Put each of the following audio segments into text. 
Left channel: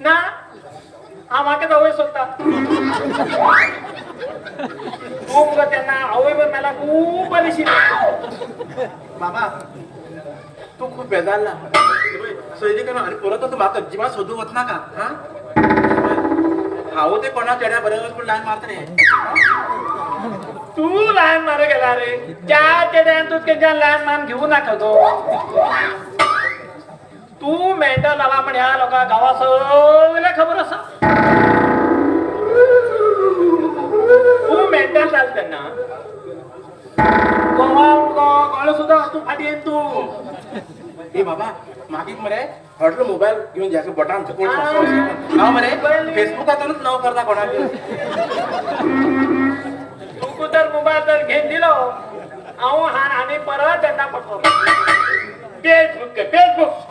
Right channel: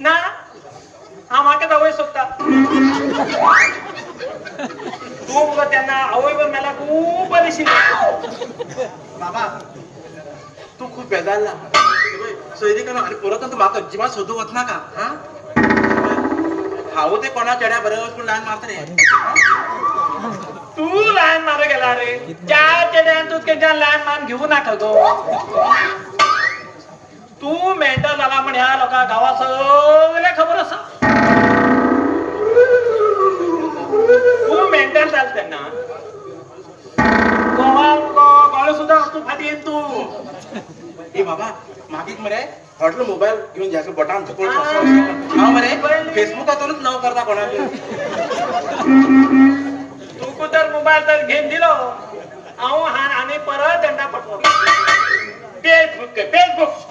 ना हा मागे जवळच होता खूप त्यांना आवयवर मला खूप बरीशी बाबा तू खूप बेजारला सोयरी का आणि परत तू म्हाका अजिबात सोदू वचना का हा हांव ते कोणा चेड्या बरोबर पण ल्हान मारता रे तू लहान मार गेला रे त्या चेड्यान तू त्यांच्या लहान मान घेऊ नका गो तू मेंढा झाला पण ह्या लोका गावा सगळ्या खबर असा तू मेंढा चाल त्यांना गाळ सुद्धा तू फाटी येईन तू ए बाबा मागीक मरे हॉटेल मोबाईल घेऊन जायचं बटन चुकून हांव मरे फेसबुकातूनच नाव करता कोणाक तू तर मोबाईल तर घेऊन दिलो हांव आणि परत त्यांना पकडलो फेसबुक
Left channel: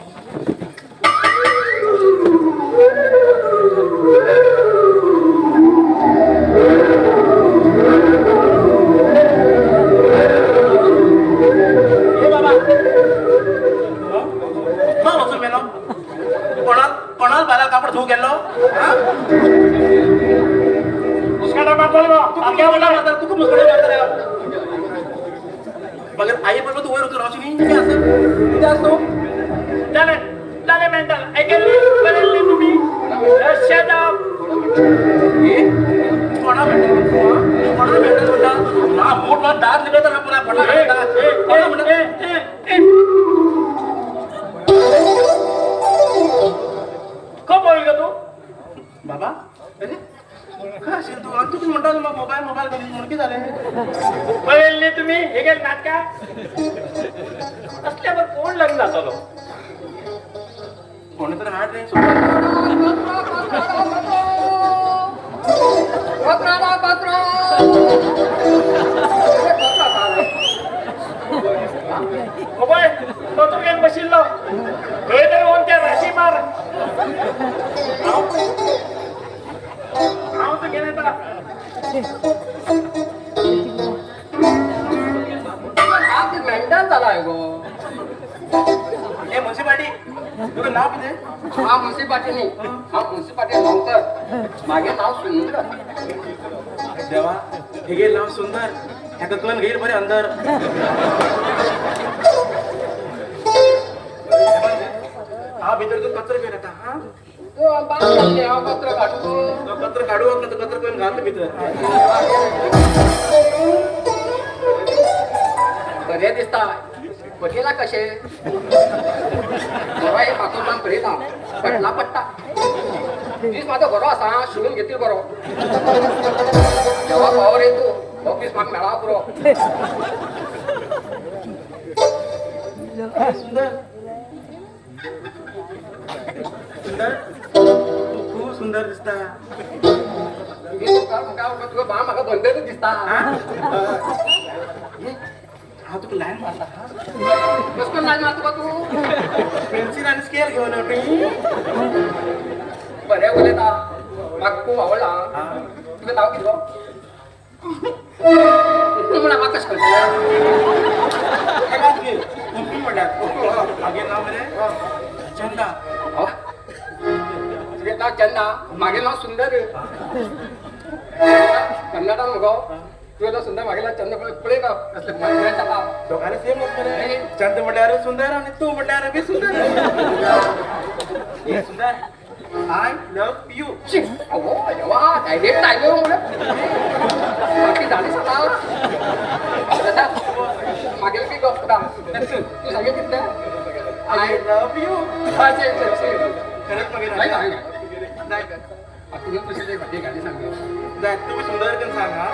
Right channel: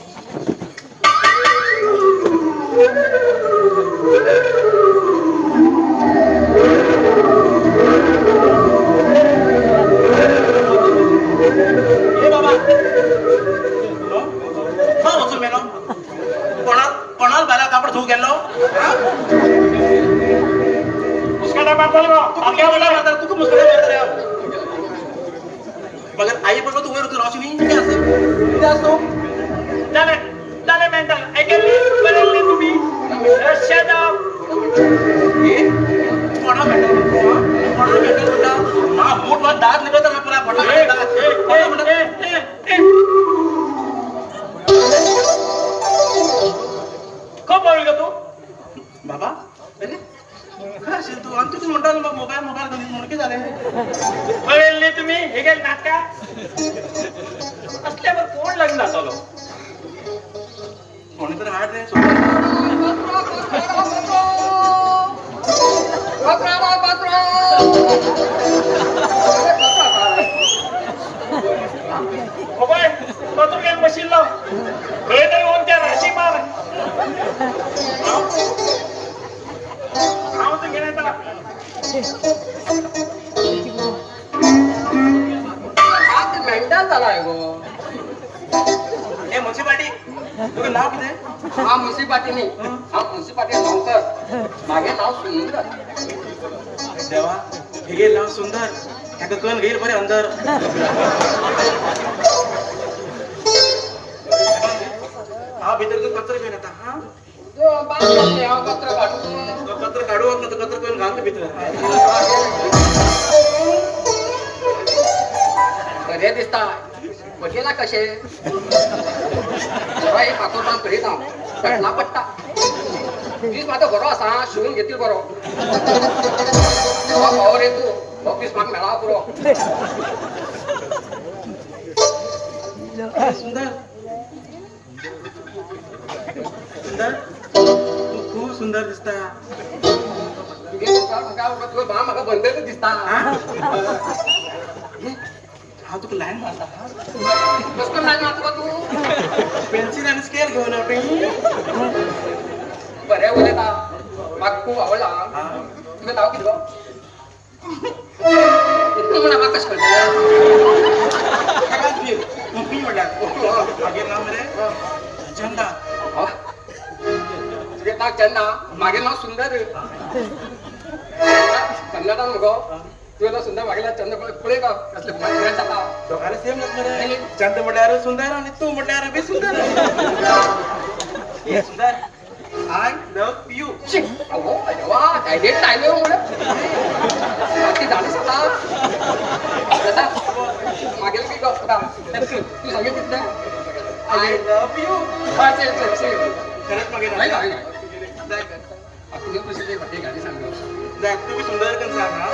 मगर आई बरोबर तू वर होतो राहशी मी किती असतो चालेल मेंटल ऐकायला तुम्ही शट अप कोणा मेंटल मा मोठ मोठ दात लिबे तर आपला पटा खूप होईल का तू बाबा अरे काय असेल तू आणि तू म्हणताल मग मोबाईल कधी मुडके झाले कळले तुम्ही हे काय नाटका असल्यावर कोण लग्न झालं कोणीतरी हार्ट रे मशीन लाव हे तर होऊन त्या राशी मार झालाय गो हे मुन्सिपालिटी तुझं नाव किती हा मुन्सिपालिटी नाही हा मुन्सिपालिटी नौकर मागे नाव सुंदर देवा हे गेल नाव सुंदर आता कोण घेईल बरे अंदर हा भीतर तू कचरा घेऊन येता हा तो पत्र काढू कचरा काढू वाटलं तर कचरा कोण घालतो भीतर बरे दिसता बघेला कसे बरो एक पातोरमान करीता पेटला पट्टा तीस माझा बरो असा शिवून घेतील बरो जेव्हा पावर येतो मग तीस माग मेळा पुरो सुंदर सुंदर तू खूप सुंदर दिसता तुझं बा म्हाका बंदर दिसता हा तुका लाईन मारता हा कसं नाही मारतो तू पेन्सिल आणि स्केल घेऊन बऱ्या उलयता म्हाका खूप आवडला तुवें नांव कितें गो तूं म्हण म्हाका कशें चंदा तुजें नांव चंदा म्हागे नांव सुंदर कन्नडान मुगो तुवें नांव सुंदर म्हागे नांव चंद पळय का कसलें मजा जाता दोघांना सेम रे चंद म्हटल्यार सुंदर आणि तू म्हटल्यार बी सुंदर आय लव्ह यू अगो वा डायरेक्ट टायगर म्हणून बाकी जाणं सता मागेल काही डॉक्टर तू सांगे किती आय लव्ह यू खरंच बघेल नाही नाही नाही तुझं तुझी काही भटी गाडी सांग तुम्ही सुंदर पण सांगा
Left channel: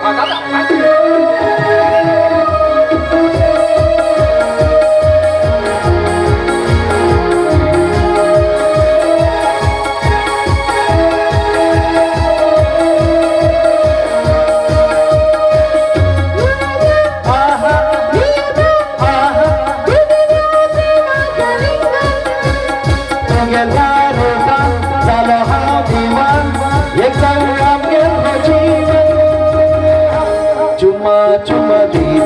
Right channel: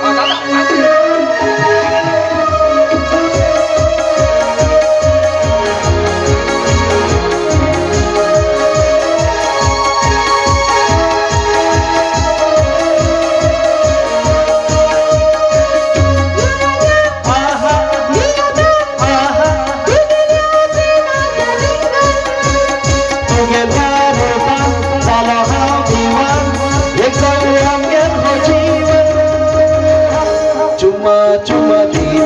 Cuma-cuma di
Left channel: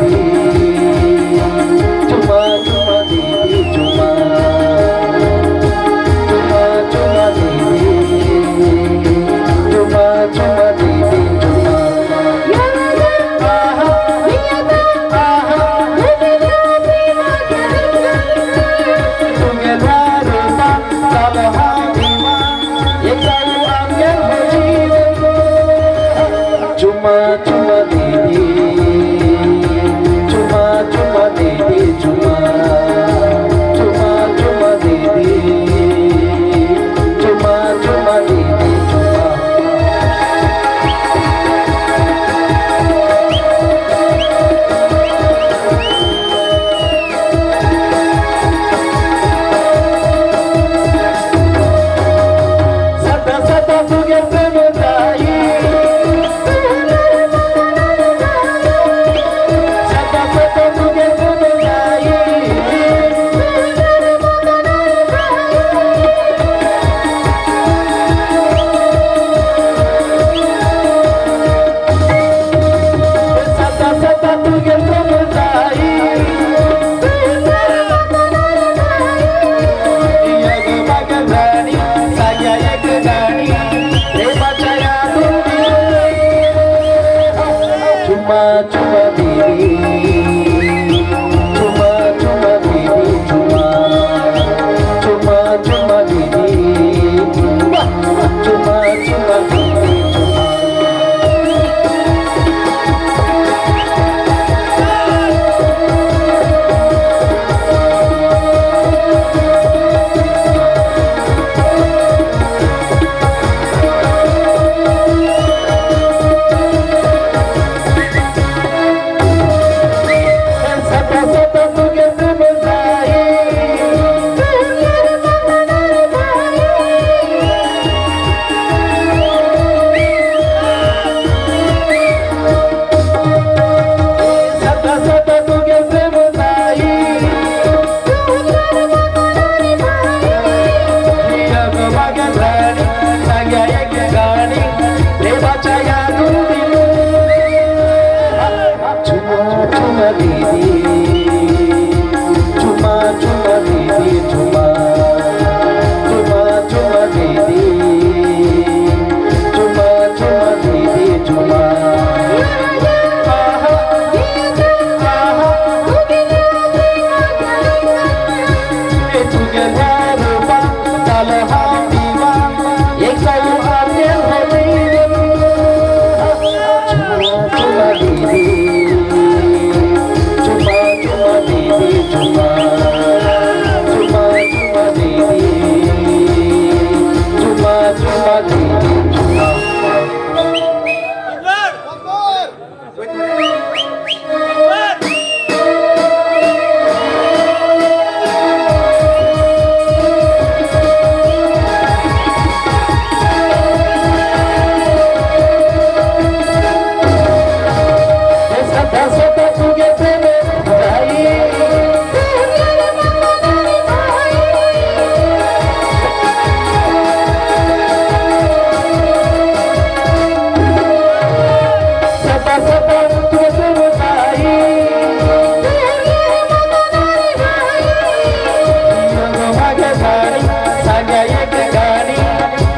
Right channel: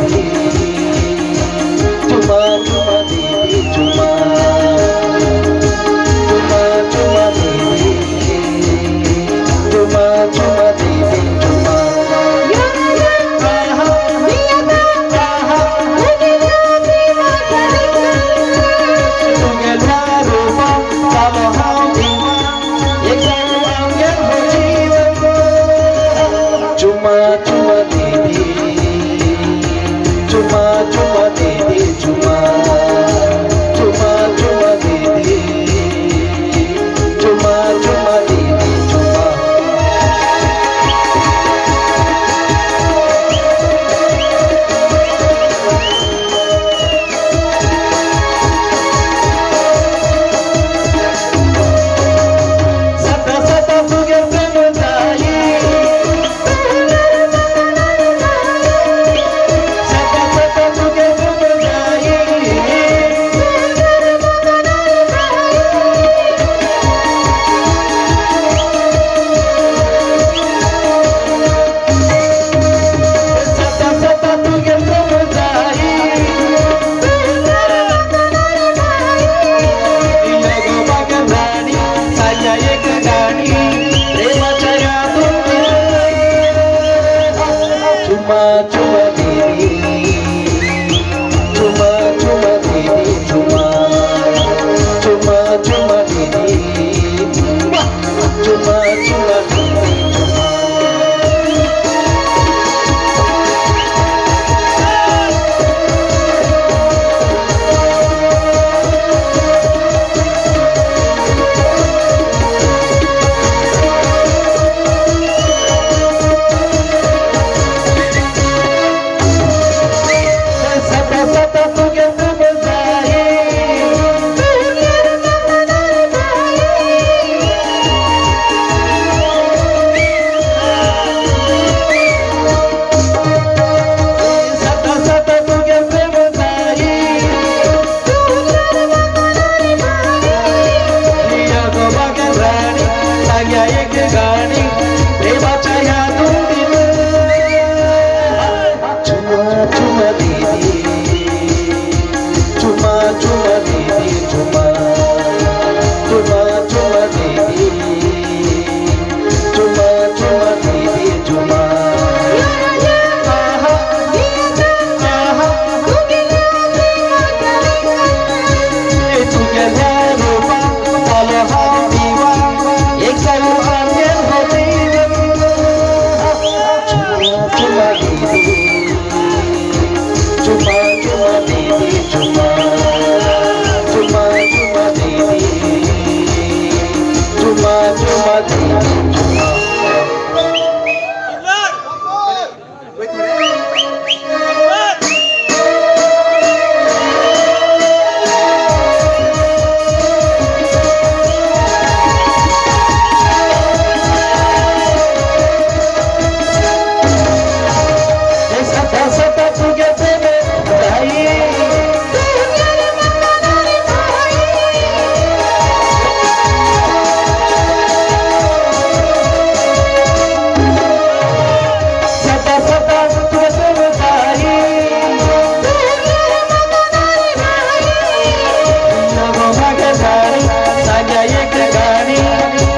आणि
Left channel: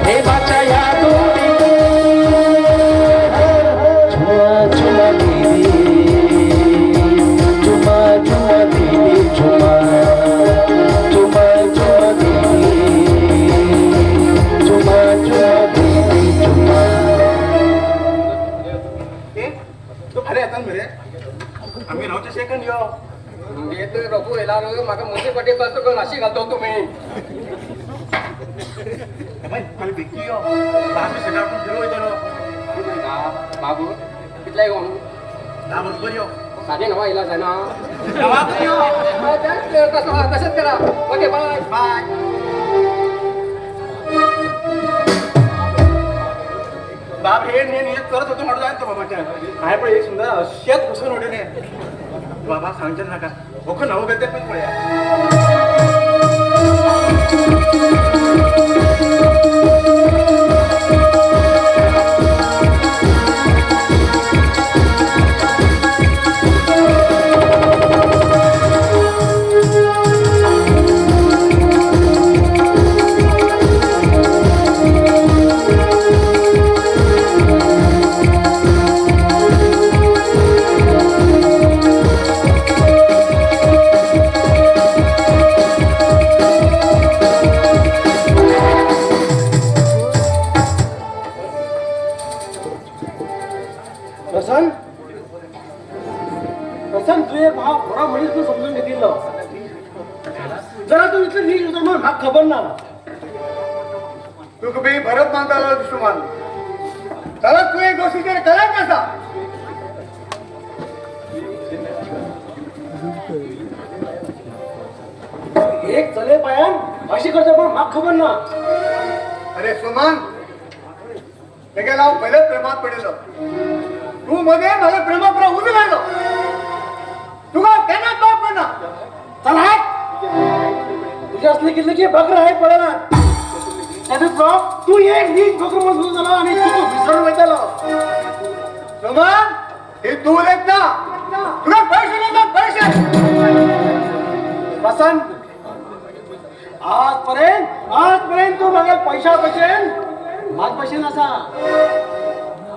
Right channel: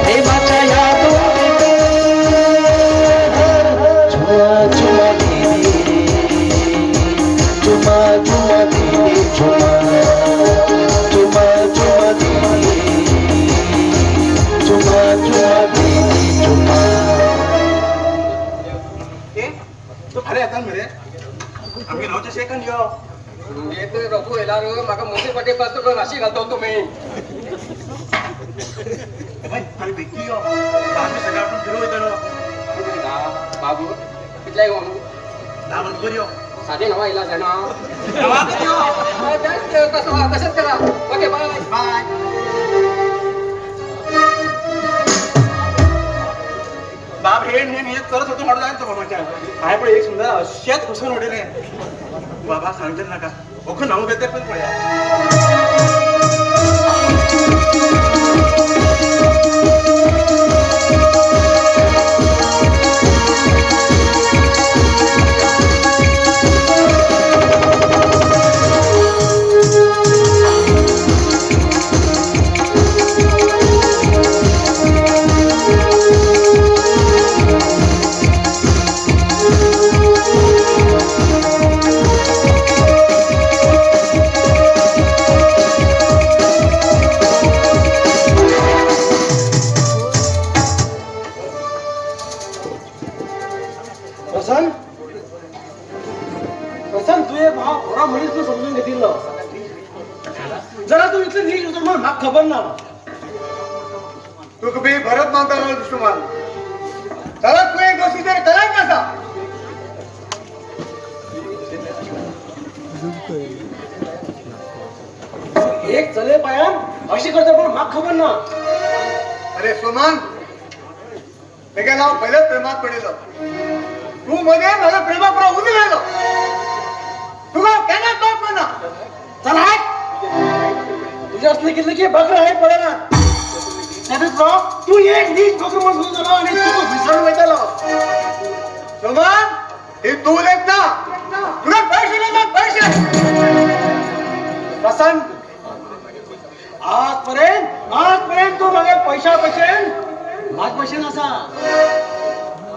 प्रेमाच्या या दोरीत झुमा झुमा दीदी झुमा झुमा दीदी झुमा झुमा झुमा दीदी झुमा झुमा दीदी झुमा ए तू फाल्यां येतात मरे आम्ही रावचे सेकंड यो येतोय रघु येणार म्हाका मुसीबती कसं तो राशी घालतो तुम्ही आम्ही भेटली यो बांगलो सगळं आपण फिरो येतो बाबू कितल्या येऊ ना मग बरी यो साधे नवा इलाज आहे ना गावात यो तसंच करा ओके बाय बाय बाप हे नेहमी येत करत होतो म्हणून जायचं बाबाच्या आहे पण एक सुंदर शेत घुसून उडले बाबा सांगते नका ओख नाव घेते पण पळ्या प्रसन्न प्रसन्न तू एक भाव थोडा मुलीच तू समजून घेतील ना जरा तू इथलं नीट होतो मग हा खबर ना तू कभी भरत मानता ना दुश्मन चला तू एक गोष्टी तरी करा कसा एक चले पायान अशी करतो पण हा खबर ना अरे सुमन त्याच्या नाव पहिले प्रेमात पडेल तू मध्ये मला प्रेमापुरा उभे राहिलो तुला त्यांना टॉप म्हणा चल हाय तुझ्या असले किती की बकरा आहे पडायला त्याच्यात तू एक नीट बकरू मजबूत झाला आणि तू विसरून भेटायला सुमन हे तू लेत ना तुला पैसे नाही पैसे प्रसन्न आजपर्यंत तू मागे पैसा बसेल माग बसेल असा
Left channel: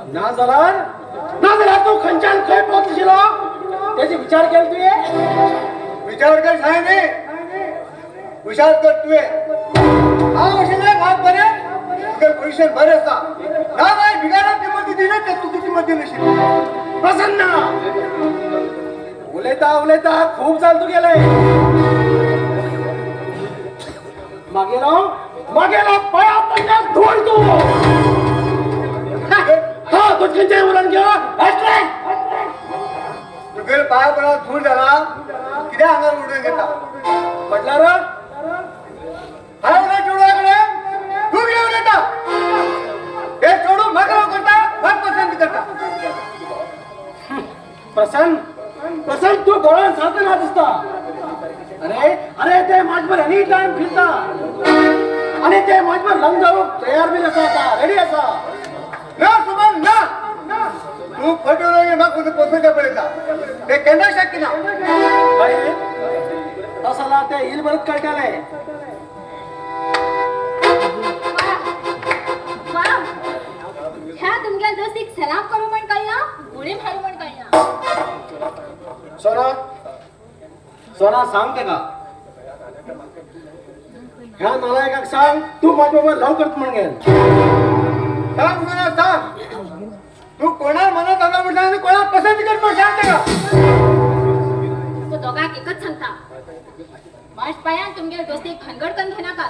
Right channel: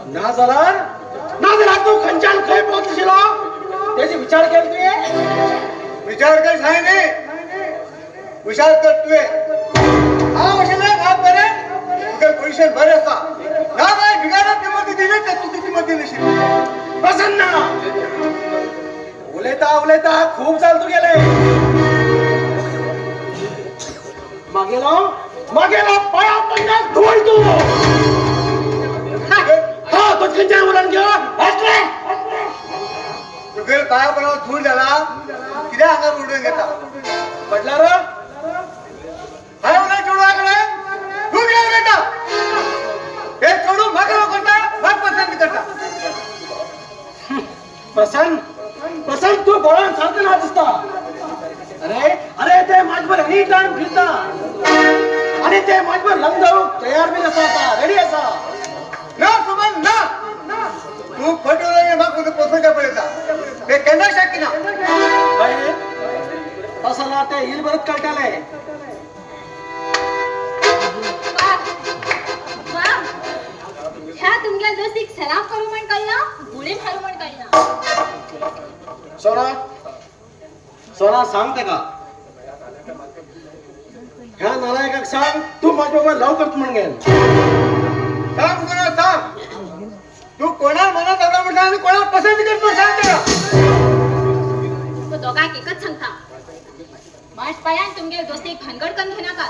ना झाला तू खंचान काय पोहोचशील त्याचे विचार केले तू विचार कर सांगे विचार कर तू हा विषय भाग करे तुझे पैसे बरे असता ना काय बिगाडा किंमत दिली तर तू किंमत दिली नशील प्रसन्न उलेता खूप चालतो गेले मागेला पाया पडण्यास धोड तू हा तो खंचान उरण गेला असले तुझे काय बरोबर धूळ झाला किती अंगावर उडून घेता म्हटलं र हा उन्हा चोडाकडे तू घेऊन येता हे चोडू मागव करता मग पसंत करता प्रसन्न तू बोळा सारखं ना दिसता अरे ते माझ्यावर अनेक टाइम फिरता आणि ते माझ्यावर लंग तयार बी असा होता रेडी असा ना सुमन ना तू खोटो नाही मग तुझं पसंत पडता हे केंद्र शक्य ना पहिले तसला ते हिल बरत काढायला ह्या तुमच्या दोस्तीक सलाम करू म्हण कळला गोळी मारू म्हण कळला सोना सांगते का ह्या नालायकाक सांग तू माझ्याबरोबर लव करतो म्हणून सांग तुझं सांग तू कोणा मनात आला म्हटलं आणि कोणाला पसंत करतो सांगते का तो दोघांक एकच सांगता माठ पायान तुमगे दोस्ती भानगड करून घेणार का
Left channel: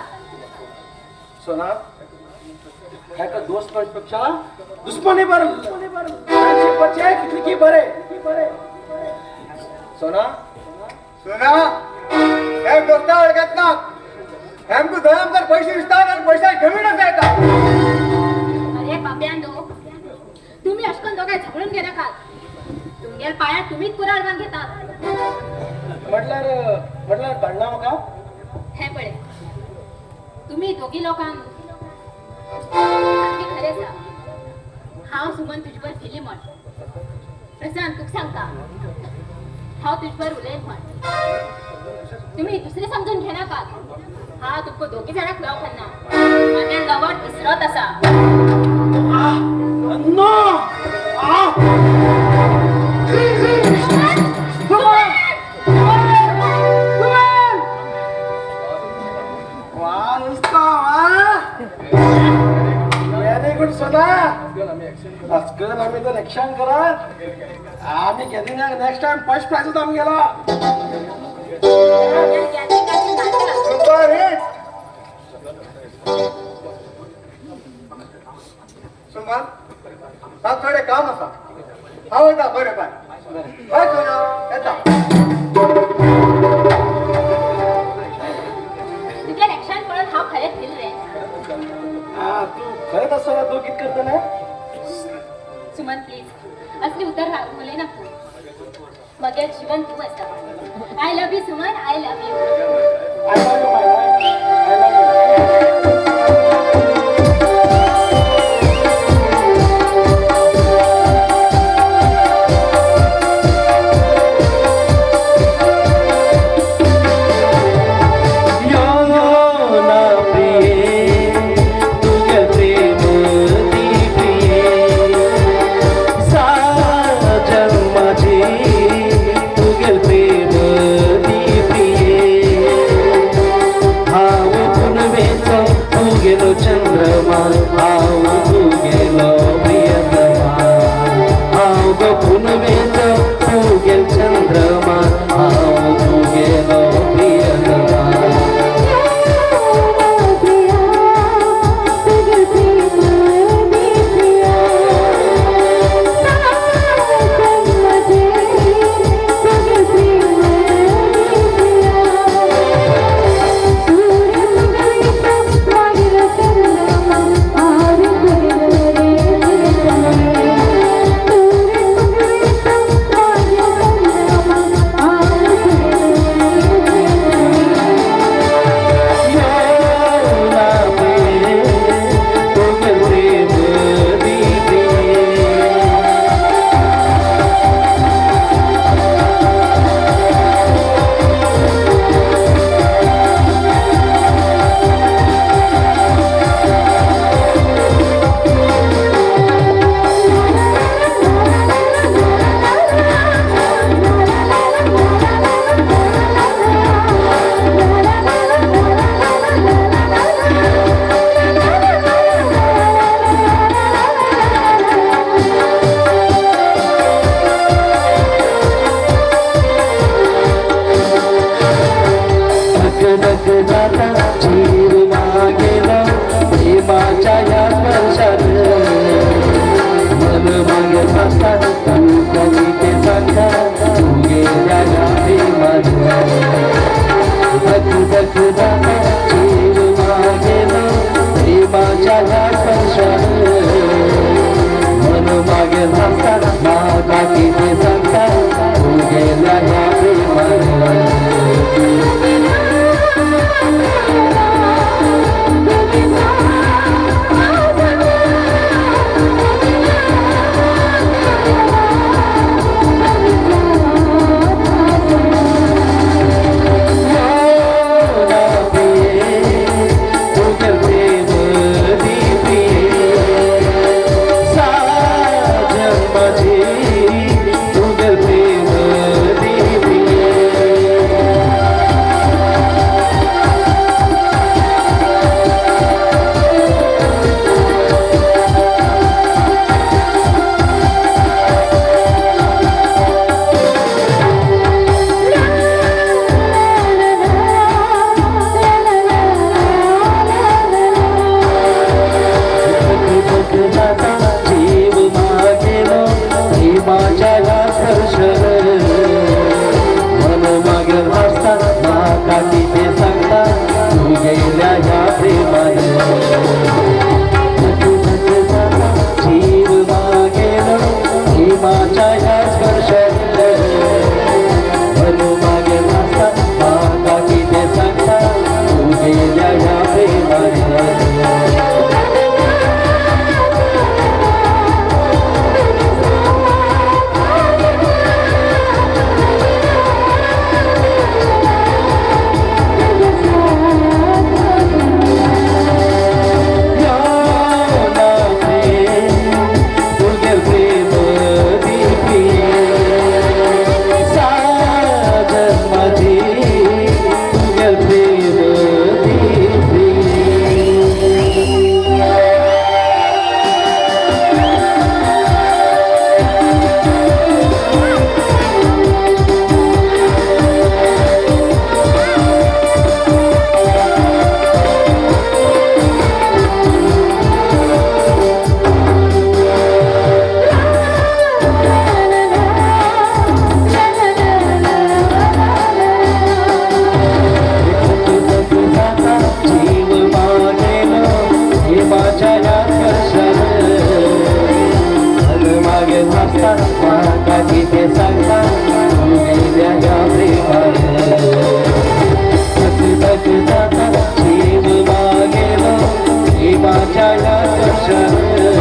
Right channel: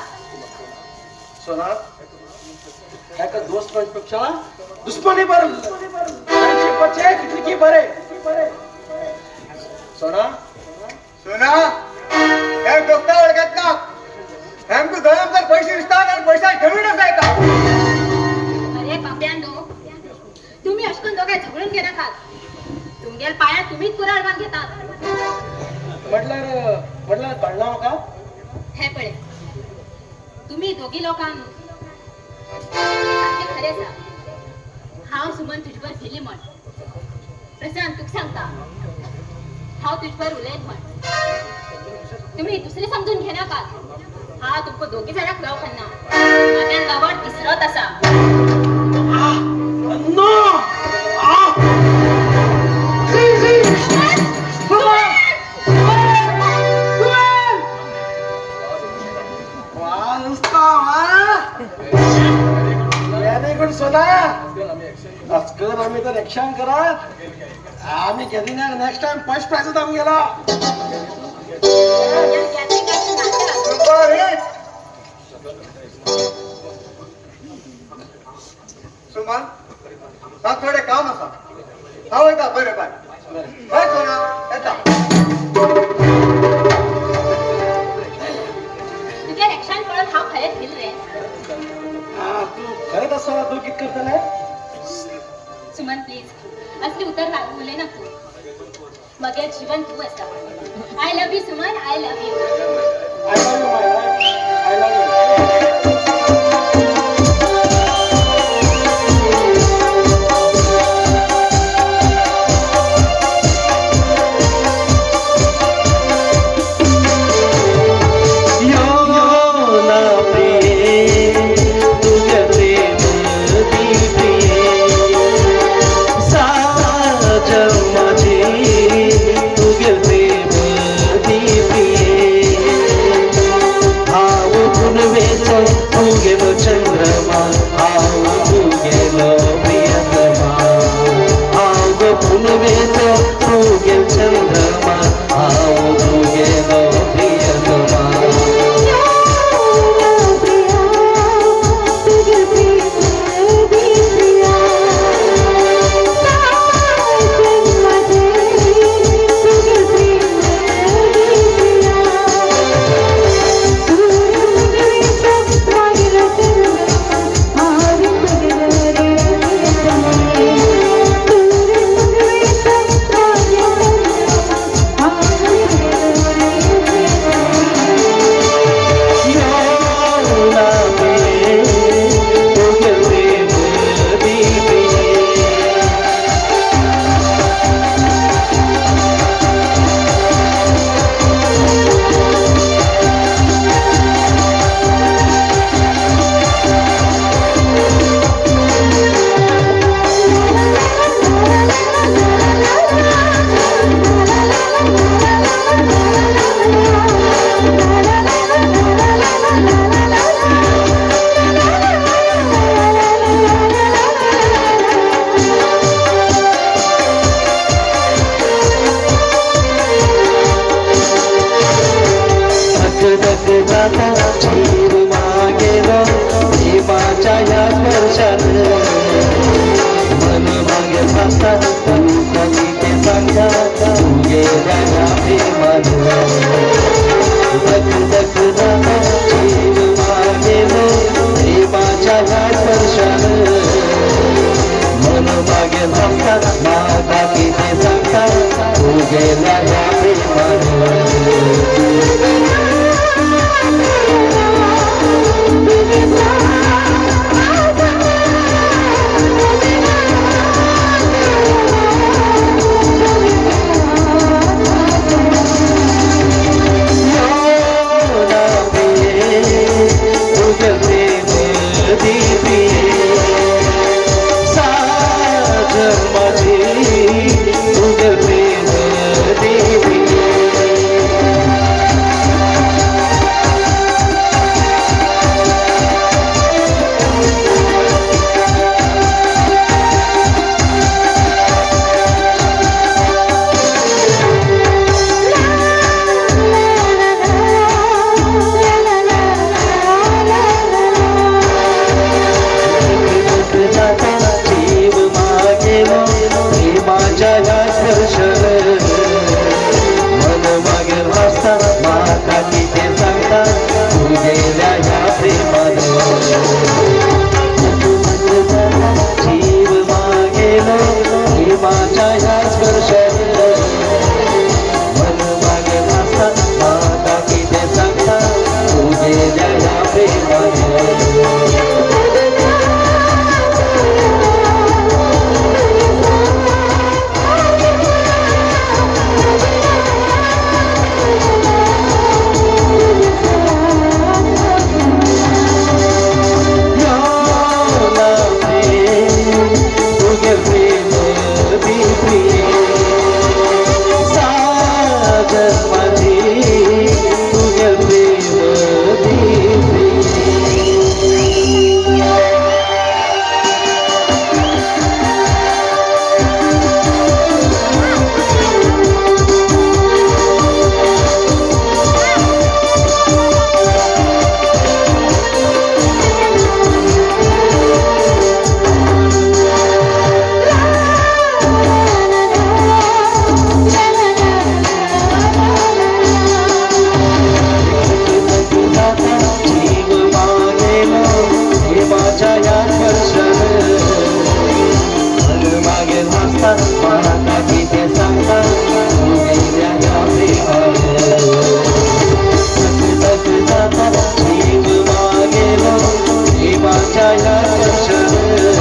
सोना काय का दोस्त पेक्षा दुश्मनी बर किती की बरे सोना सोना हे दोस्ता ओळखत ना हमको दळमकर पैसे विस्तार आणि पैसा ठेवून आहे का अरे बाब्यांनो तुम्ही अशकन दोघे झगडून घेणार का तुमगे पाया तुम्हीच कुराड बांध घेता म्हटलं पडला का हे पडे तुम्ही दोघी लोकांना खरे सा हाव सुमन तुझवर फिली म्हण प्रशांत तुक सांगता हाव तुझवर उलयन म्हण तुम्ही दुसरे समजून घेणार का हांव तुमकां दोगी जाणांक लव करना म्हागेल लवट विसरत आसा नो सोना अस्कर आम्ही तर रक्षण करत आम्ही कधी ना नेक्स्ट टाइम फर्स्ट प्राइज आम्ही गेला सुमन हा थोडे काम असा हा येता बरं बाय बाय सोना येता तुझ्या रक्षण पळत हांव खरेंच न्यू रे तू खरंच असं ना तू कित करतले सुमन प्लीज असली उतर उलय ना तू मगे जीवन तू आसा I love you Suman I love you I love you my life I love you Baby प्रेमाच्या या स्पर्शानं मन मागे वाजतात काही ते सांगतात गेल्या या प्रेमानं जातात जीव मागेला प्रेमाच्या या स्पर्शानं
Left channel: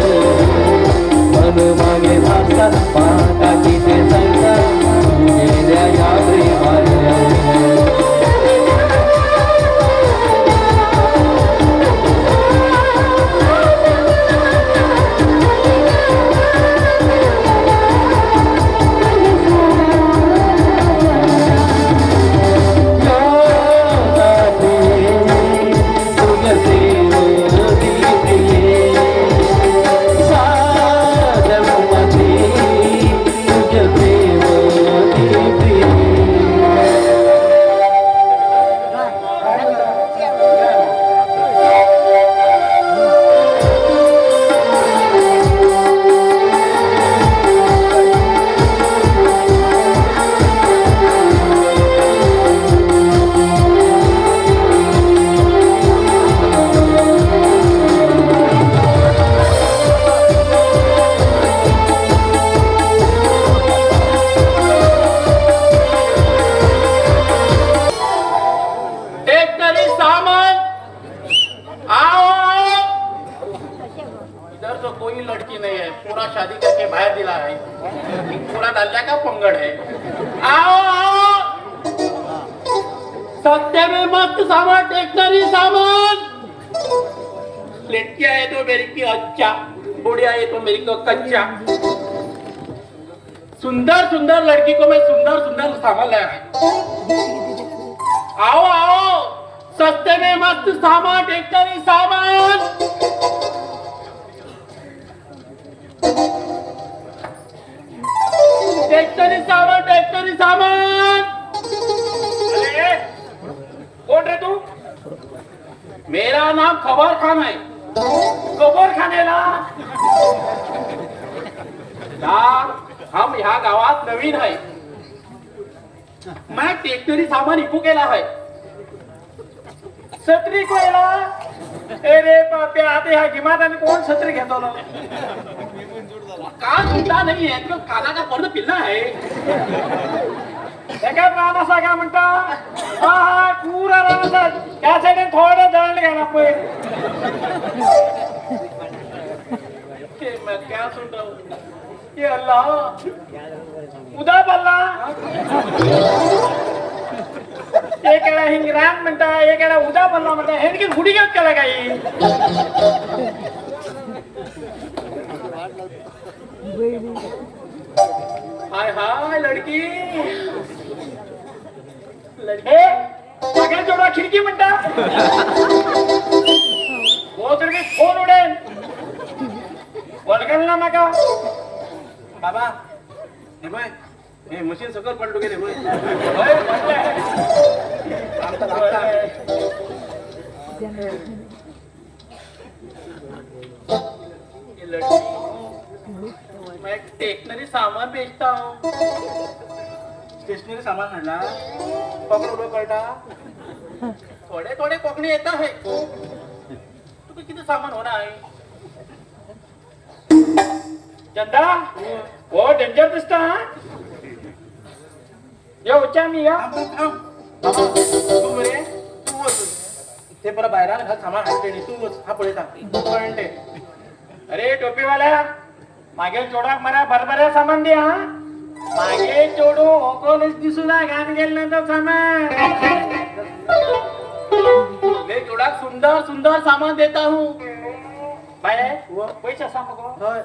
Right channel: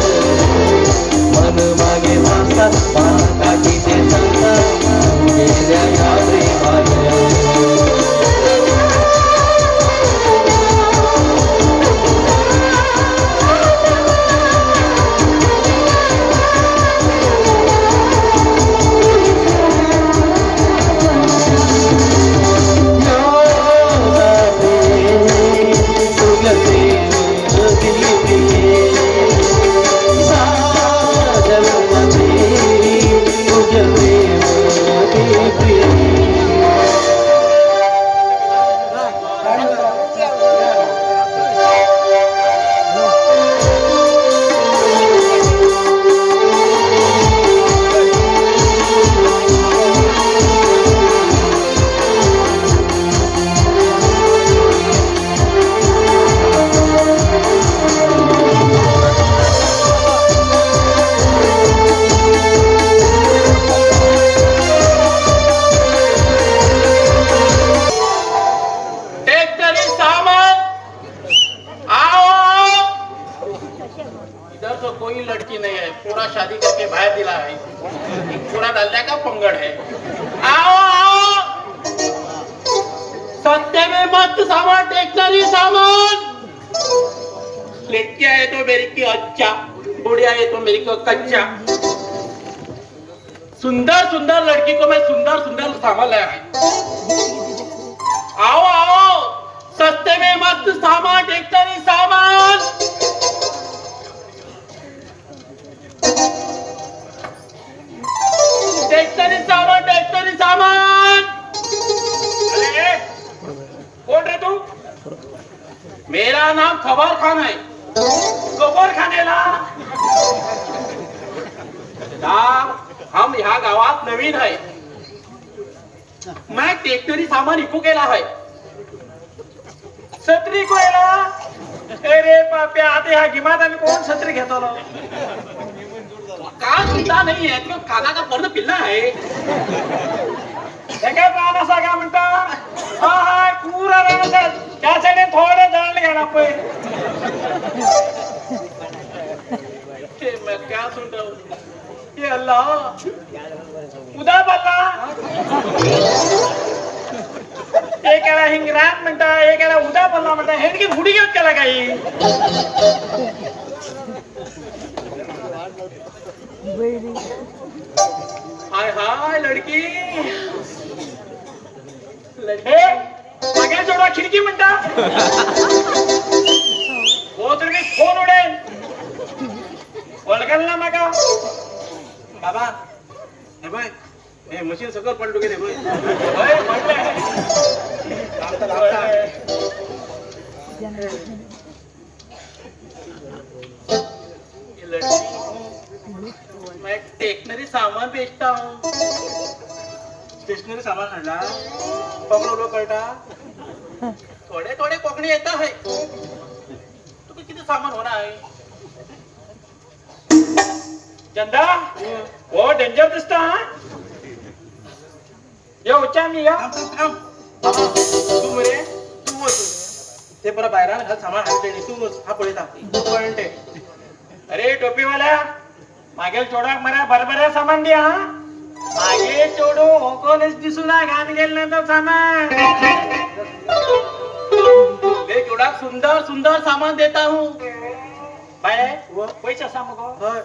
मन मागे वाजतात काही ते सांगतात गेल्या या प्रेमानं ट्रैक्टरी सामान आओ। इधर तो कोई लड़की नहीं है, पूरा शादी करके बाहर दिला रही, पूरा दल्ला का पंगड़ है। आओ आओ, सस्ते में मस्त सामान, ट्रैक्टरी सामान। लड़की आए तो मेरी की अच्छा, बुढ़िया आए तो मेरी को कच्चा। सुंदर सुंदर लड़की को मैं सुंदर सुंदर सामान लाया है। आओ आओ, सस्ते में मस्त सामान, ट्रैक्टरी सामान। ट्रैक्टरी सामान, ट्रैक्टरी सामान। अरे कौन रे तू? मेरा नाम खबर खान है। खबर खानेला हम ह्या गावात नवीन आहे। मैं ट्रॅक्टरी सामान इकू केला है। छत्री कोयला अरे पाप्या आता ह्या गिमात आम्ही कोण छत्री घेतो ना का सुद्धा नाही आहे तो काना का पूर्ण पिल्ला आहे एका रामासा का म्हणता हा हा पुरा रामासा त्यासाठी थोडे दळण घ्यायला पाहिजे ते मग क्या सुद्धा ये अल्लाह उदा बल्ला एकाला हिंगरान म्हणता एकाला उदा बल्ला म्हणता हे की गुडी घेत केला काही हाय हाय लड़की लड़के मागे जोडा खिडकी म्हणता हो तर मी फोन उडेल वळकल ना मग बाबा हे बाय हे मशीन सगळं पलटू गेले मैं टेक्नरी सामान बेचता हूँ स्टेशनरी सामान आणला पकडो लोक कळटा थोडे थोडे कोकणी येता है तुम्ही किती सामान होणार आहे चंदा वो डेंजर दिसतो हा ये उच्चा मी या तू मुले तू बस ते बरं बाहेर घाल सामान हाते तू बस हा पळता पळते अरे टोपीवाला मागे चोडा मला बरबऱ्या सामान द्या हा मागे चोडो ओकोलेच दिसूला घाण गेल्यानंतर सामान मैं चोडा सुंदर सुंदर सामान देता हूँ बाय पैसा सांगो होय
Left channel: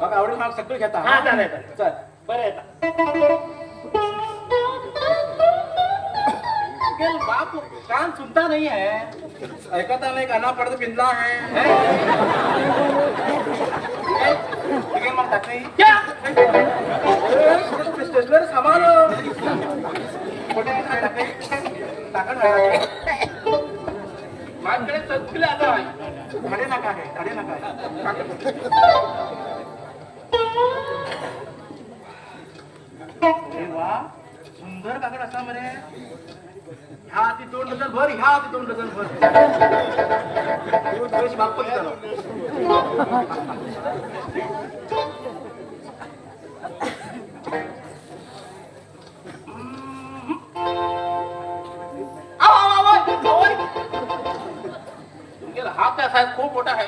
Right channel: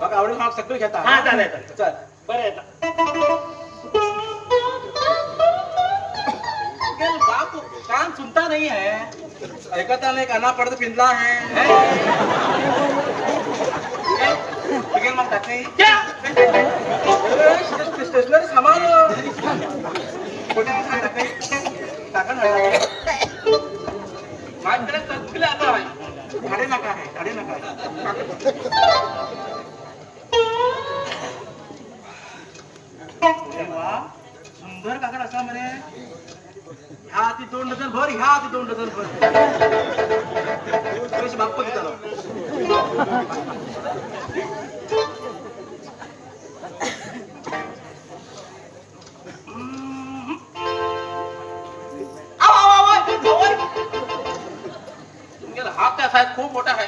बघ आवडून माग सगळं घेता हा चालेल चल बरं येता बाप कान सुनता नहीं है ऐकता नाही काना पडत पिंजला आहे ठीक मग टाकली क्या स्टेशनरी सामान कोणी टाकली टाका ना माझ्याकडे सगळे आता आहे झाडे नका आहे झाडे नका वा सुंदर काकड असला मध्ये ह्या हाती 2 डझन भर ह्या हाती 2 डझन भर पैसे माफ करू त्याला. आव, आव, आव, आव, आव. यार हा पैसा है खूप मोठा है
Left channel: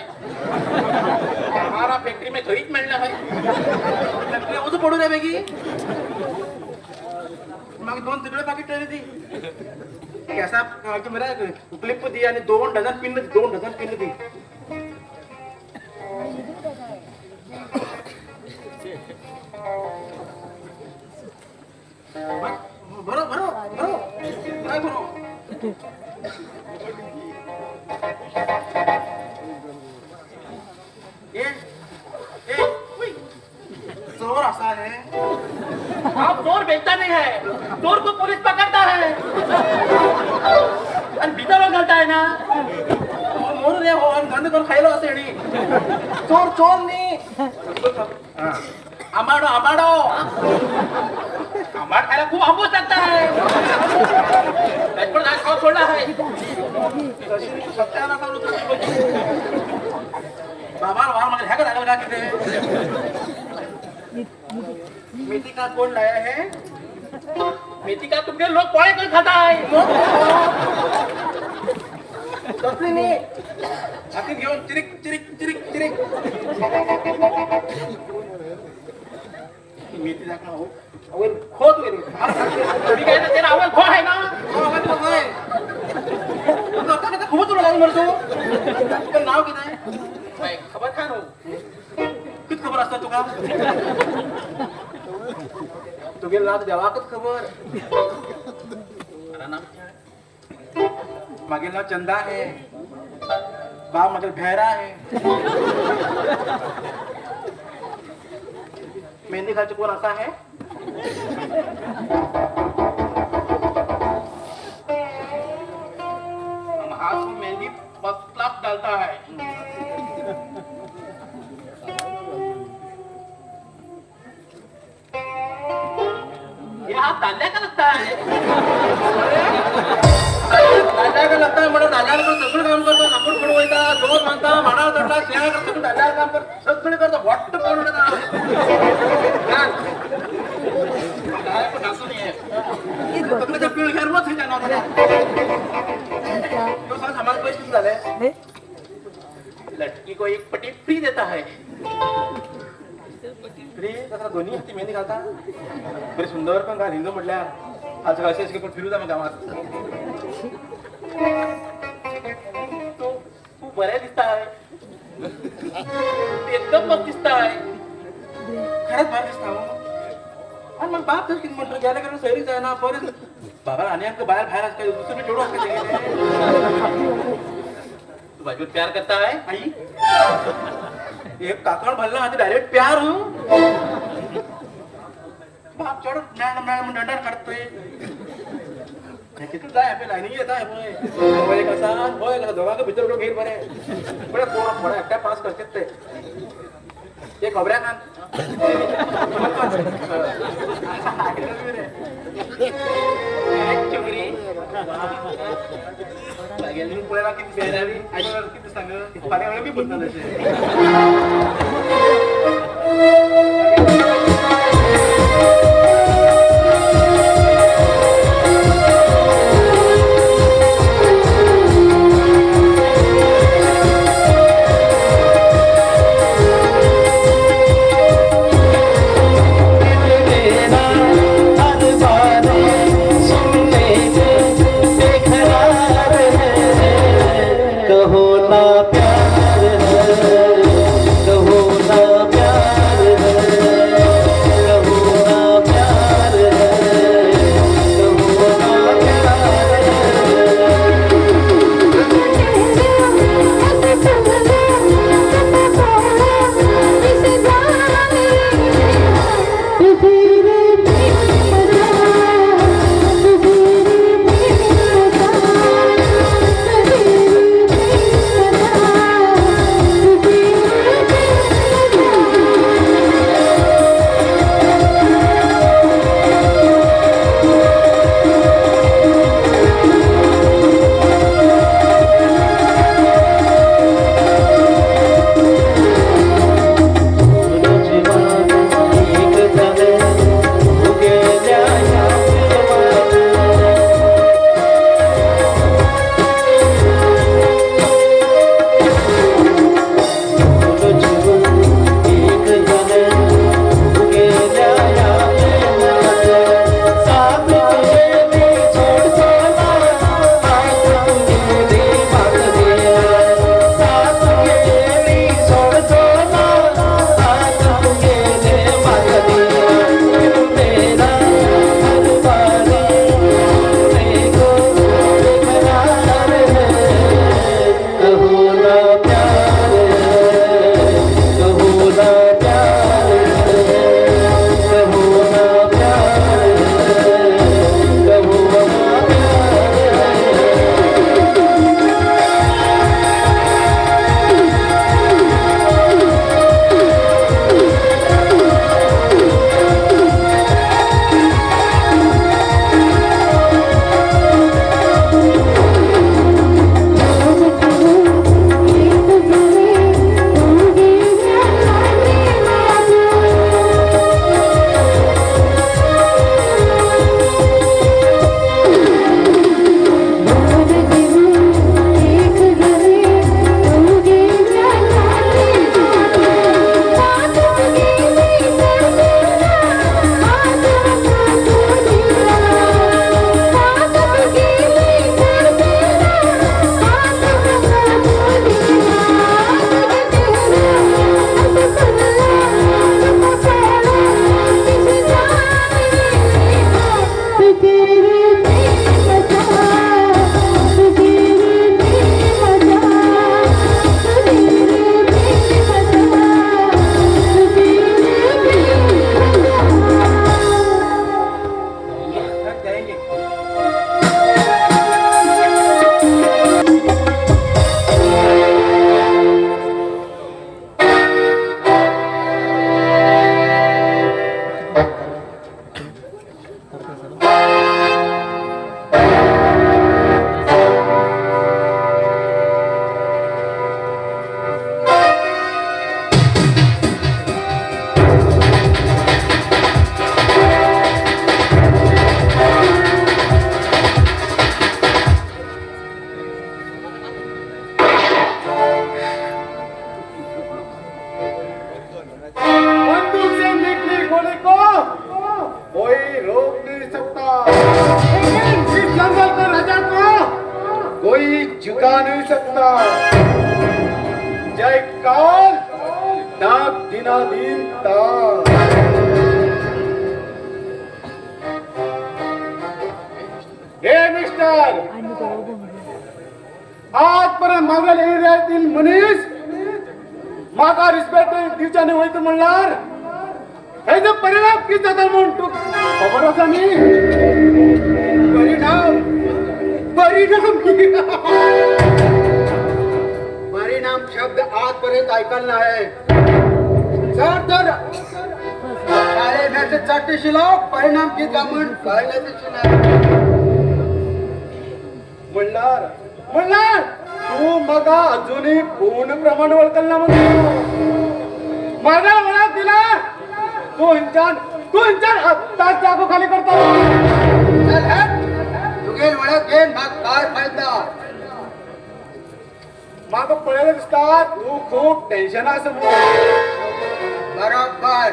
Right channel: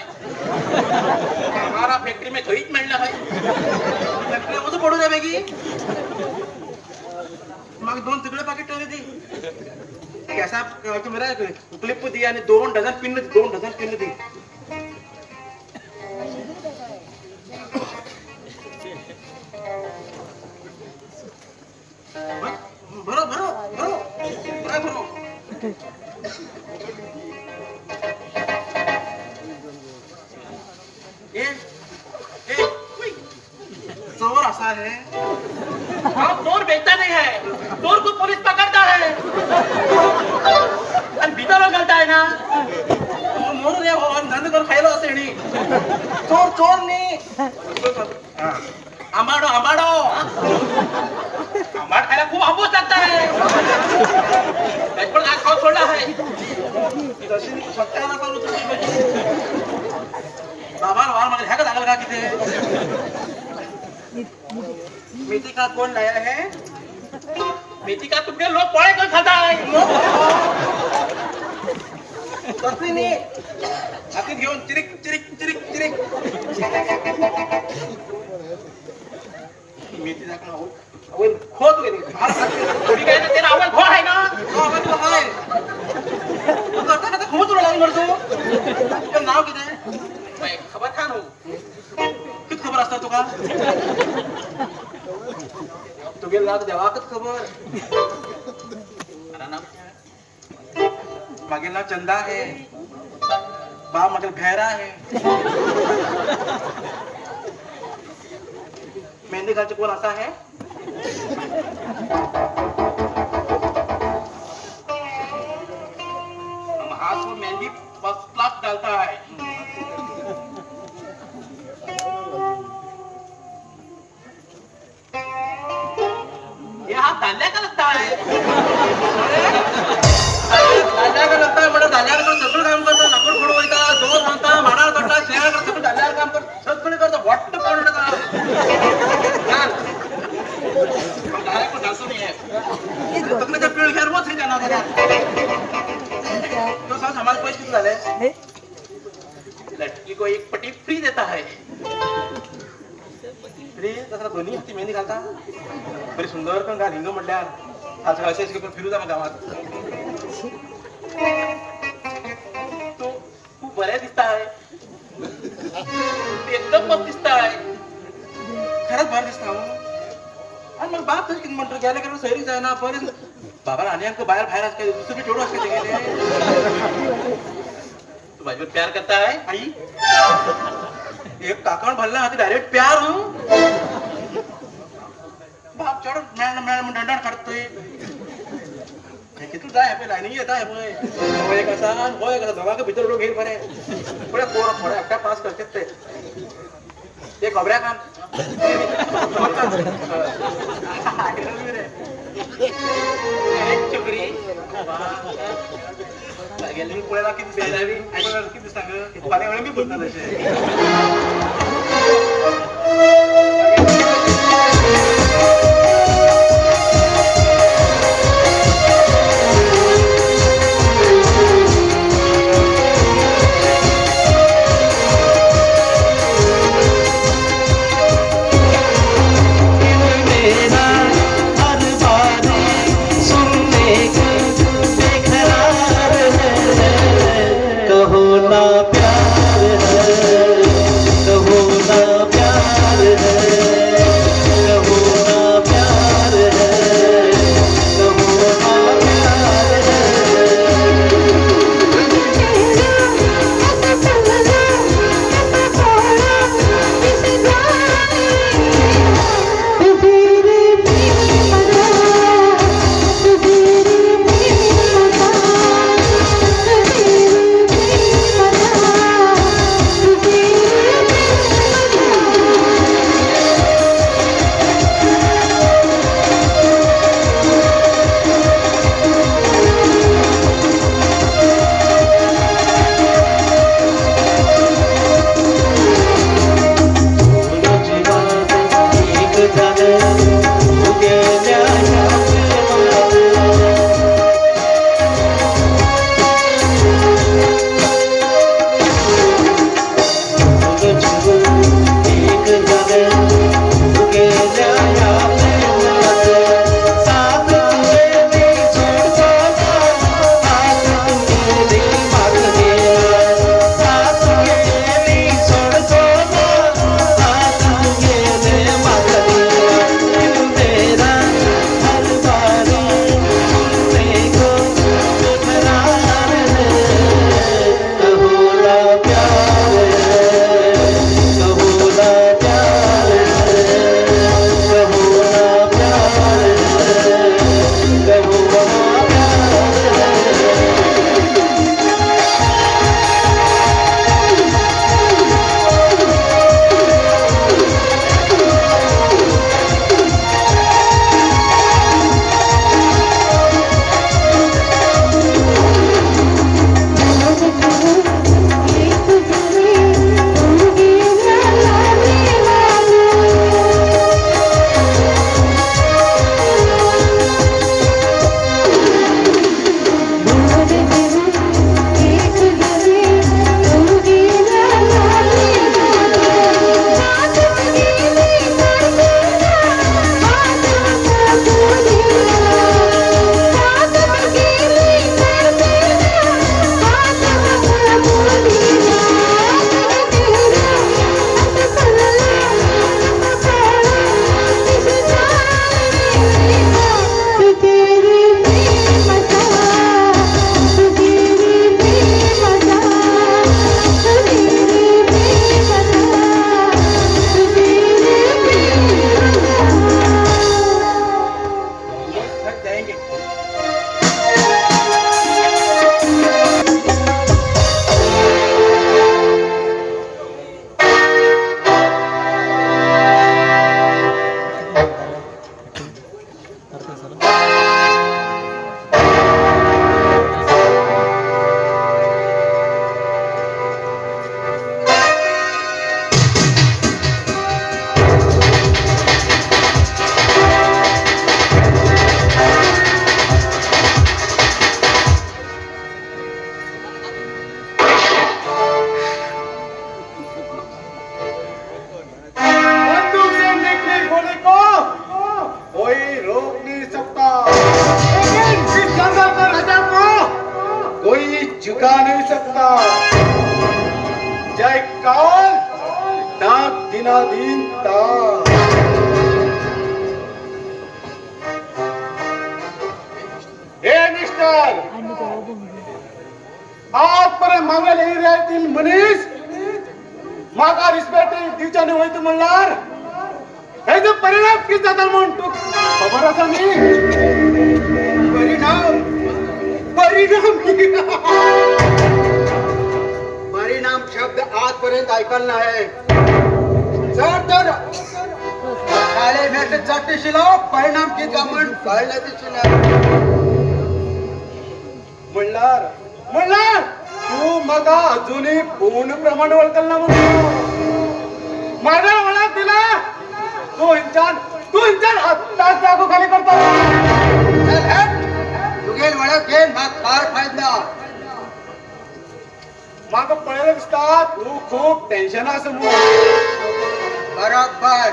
हमारा फैक्ट्री में खरीद मिलना है तुला कसं पडू द्या बेगी मग 2 तिकडे पाकिट ठेवले ती कैसा तू मेरे क्लिप दी आणि 2 डझन पिन दी भरो भरो भरो काय भरो ए ए उई चोर असा आहे हाँ चोर बेचता नहीं है चोर को पुलिस पकड़ता है आणि भीतर घालता है ना मोर रे हो धंदा करून खायला असे नी चोर नाही आंबाडो हमारा खाया खूप आंबो सकता है पण आज खाऊ छोड़ना है तशी सत्याला चालू तुझी बाबा वार मला ह्याकडे आलं का किती मेथी का कोण लाया है मेथी का तुमने लोग पोळे कोण खाता है कसली नाही हाती घेऊन चिरिक मेथी दाखवा अवन खोद गेली तुम्ही काय तर तेरा आवाज घोळ आहे ना आवाज बघा रे तू आता खूप तुला लावून म्हणतो तुझं नाव किती आहे नाही, खबर खा नो किती खबर असतात तुका तुगे लाग देवाकच खबर मला नाव मागे ना चंदा है बा म्हणजे भैरा है मेहंदी घालचे कोण असा है हम हाथ को मेहंदी फर्स्ट क्लास डालता है ये हाथ डालने का लगता है दादा लगता है म्हणजे दादा सगळं काम करतो लाकूड फोडवायचा जोर मानता माडाळ करता शेळ करता दादा काम करतो सगळं करतो वाटत पडलं सगळं पिळ घेर रोज हे जाणार तो सांग हमारे पैसे किती झाले लड़की को एक पट्टी फ्री देता है रे तसं दोन्ही ती मेहंदी घालता बरी सुंदर पण घाल हिंग म्हटल्या असं असेच की पण फिरू जा मग गावात बऱ्या दिसता है एकदम मस्त दिसता है खरंच बाहेर दिसता हो आणि मग बाप किती म्हणतो गेल्या कारण सैरीच आहे ना परत बाबा आणि अंक बाहेर असते तुम्ही ठेवू असते तू भाई प्यार करता है आई एक काकण भरला हाती डायरेक्ट प्यार हो बाप चढ मॅन दंडात काढतोय किती जाय आपल्या लाईनी येत आहे होय कसा दोघांचं भीतर उडून घेईल बरे पुढे पोरं थोडं एकट्या पास करतात ते खबऱ्या काम गेली पुण्याला किती बेजारी किती सांग पाण्यावर मी बोलतो कहो ना प्यार है मनीस माका रिस्पेक्ट दिवच्या न्हय तू म्हणल्यार हेजो परिणाम कितें जाता म्हूण तूं खबर आसा न्ही परिणाम परिणाम शब्द आजपर्यंत ऐकलं नाही जर तर शाळेमध्ये चट शिलो परिणाम किती म्हण कळण्याचे म्हणल्यार तू म्हाका अजूनही पूर्ण प्रमाण वळखल ना म्हणून माझ्या वळख दिला तू इंचान आत्ताच जागो खाली करतो तुगे वळख घेऊन मग काय फायदा म्हाका पळयलें दिसता तू खूप टेन्शन आसा म्हणून बरोबर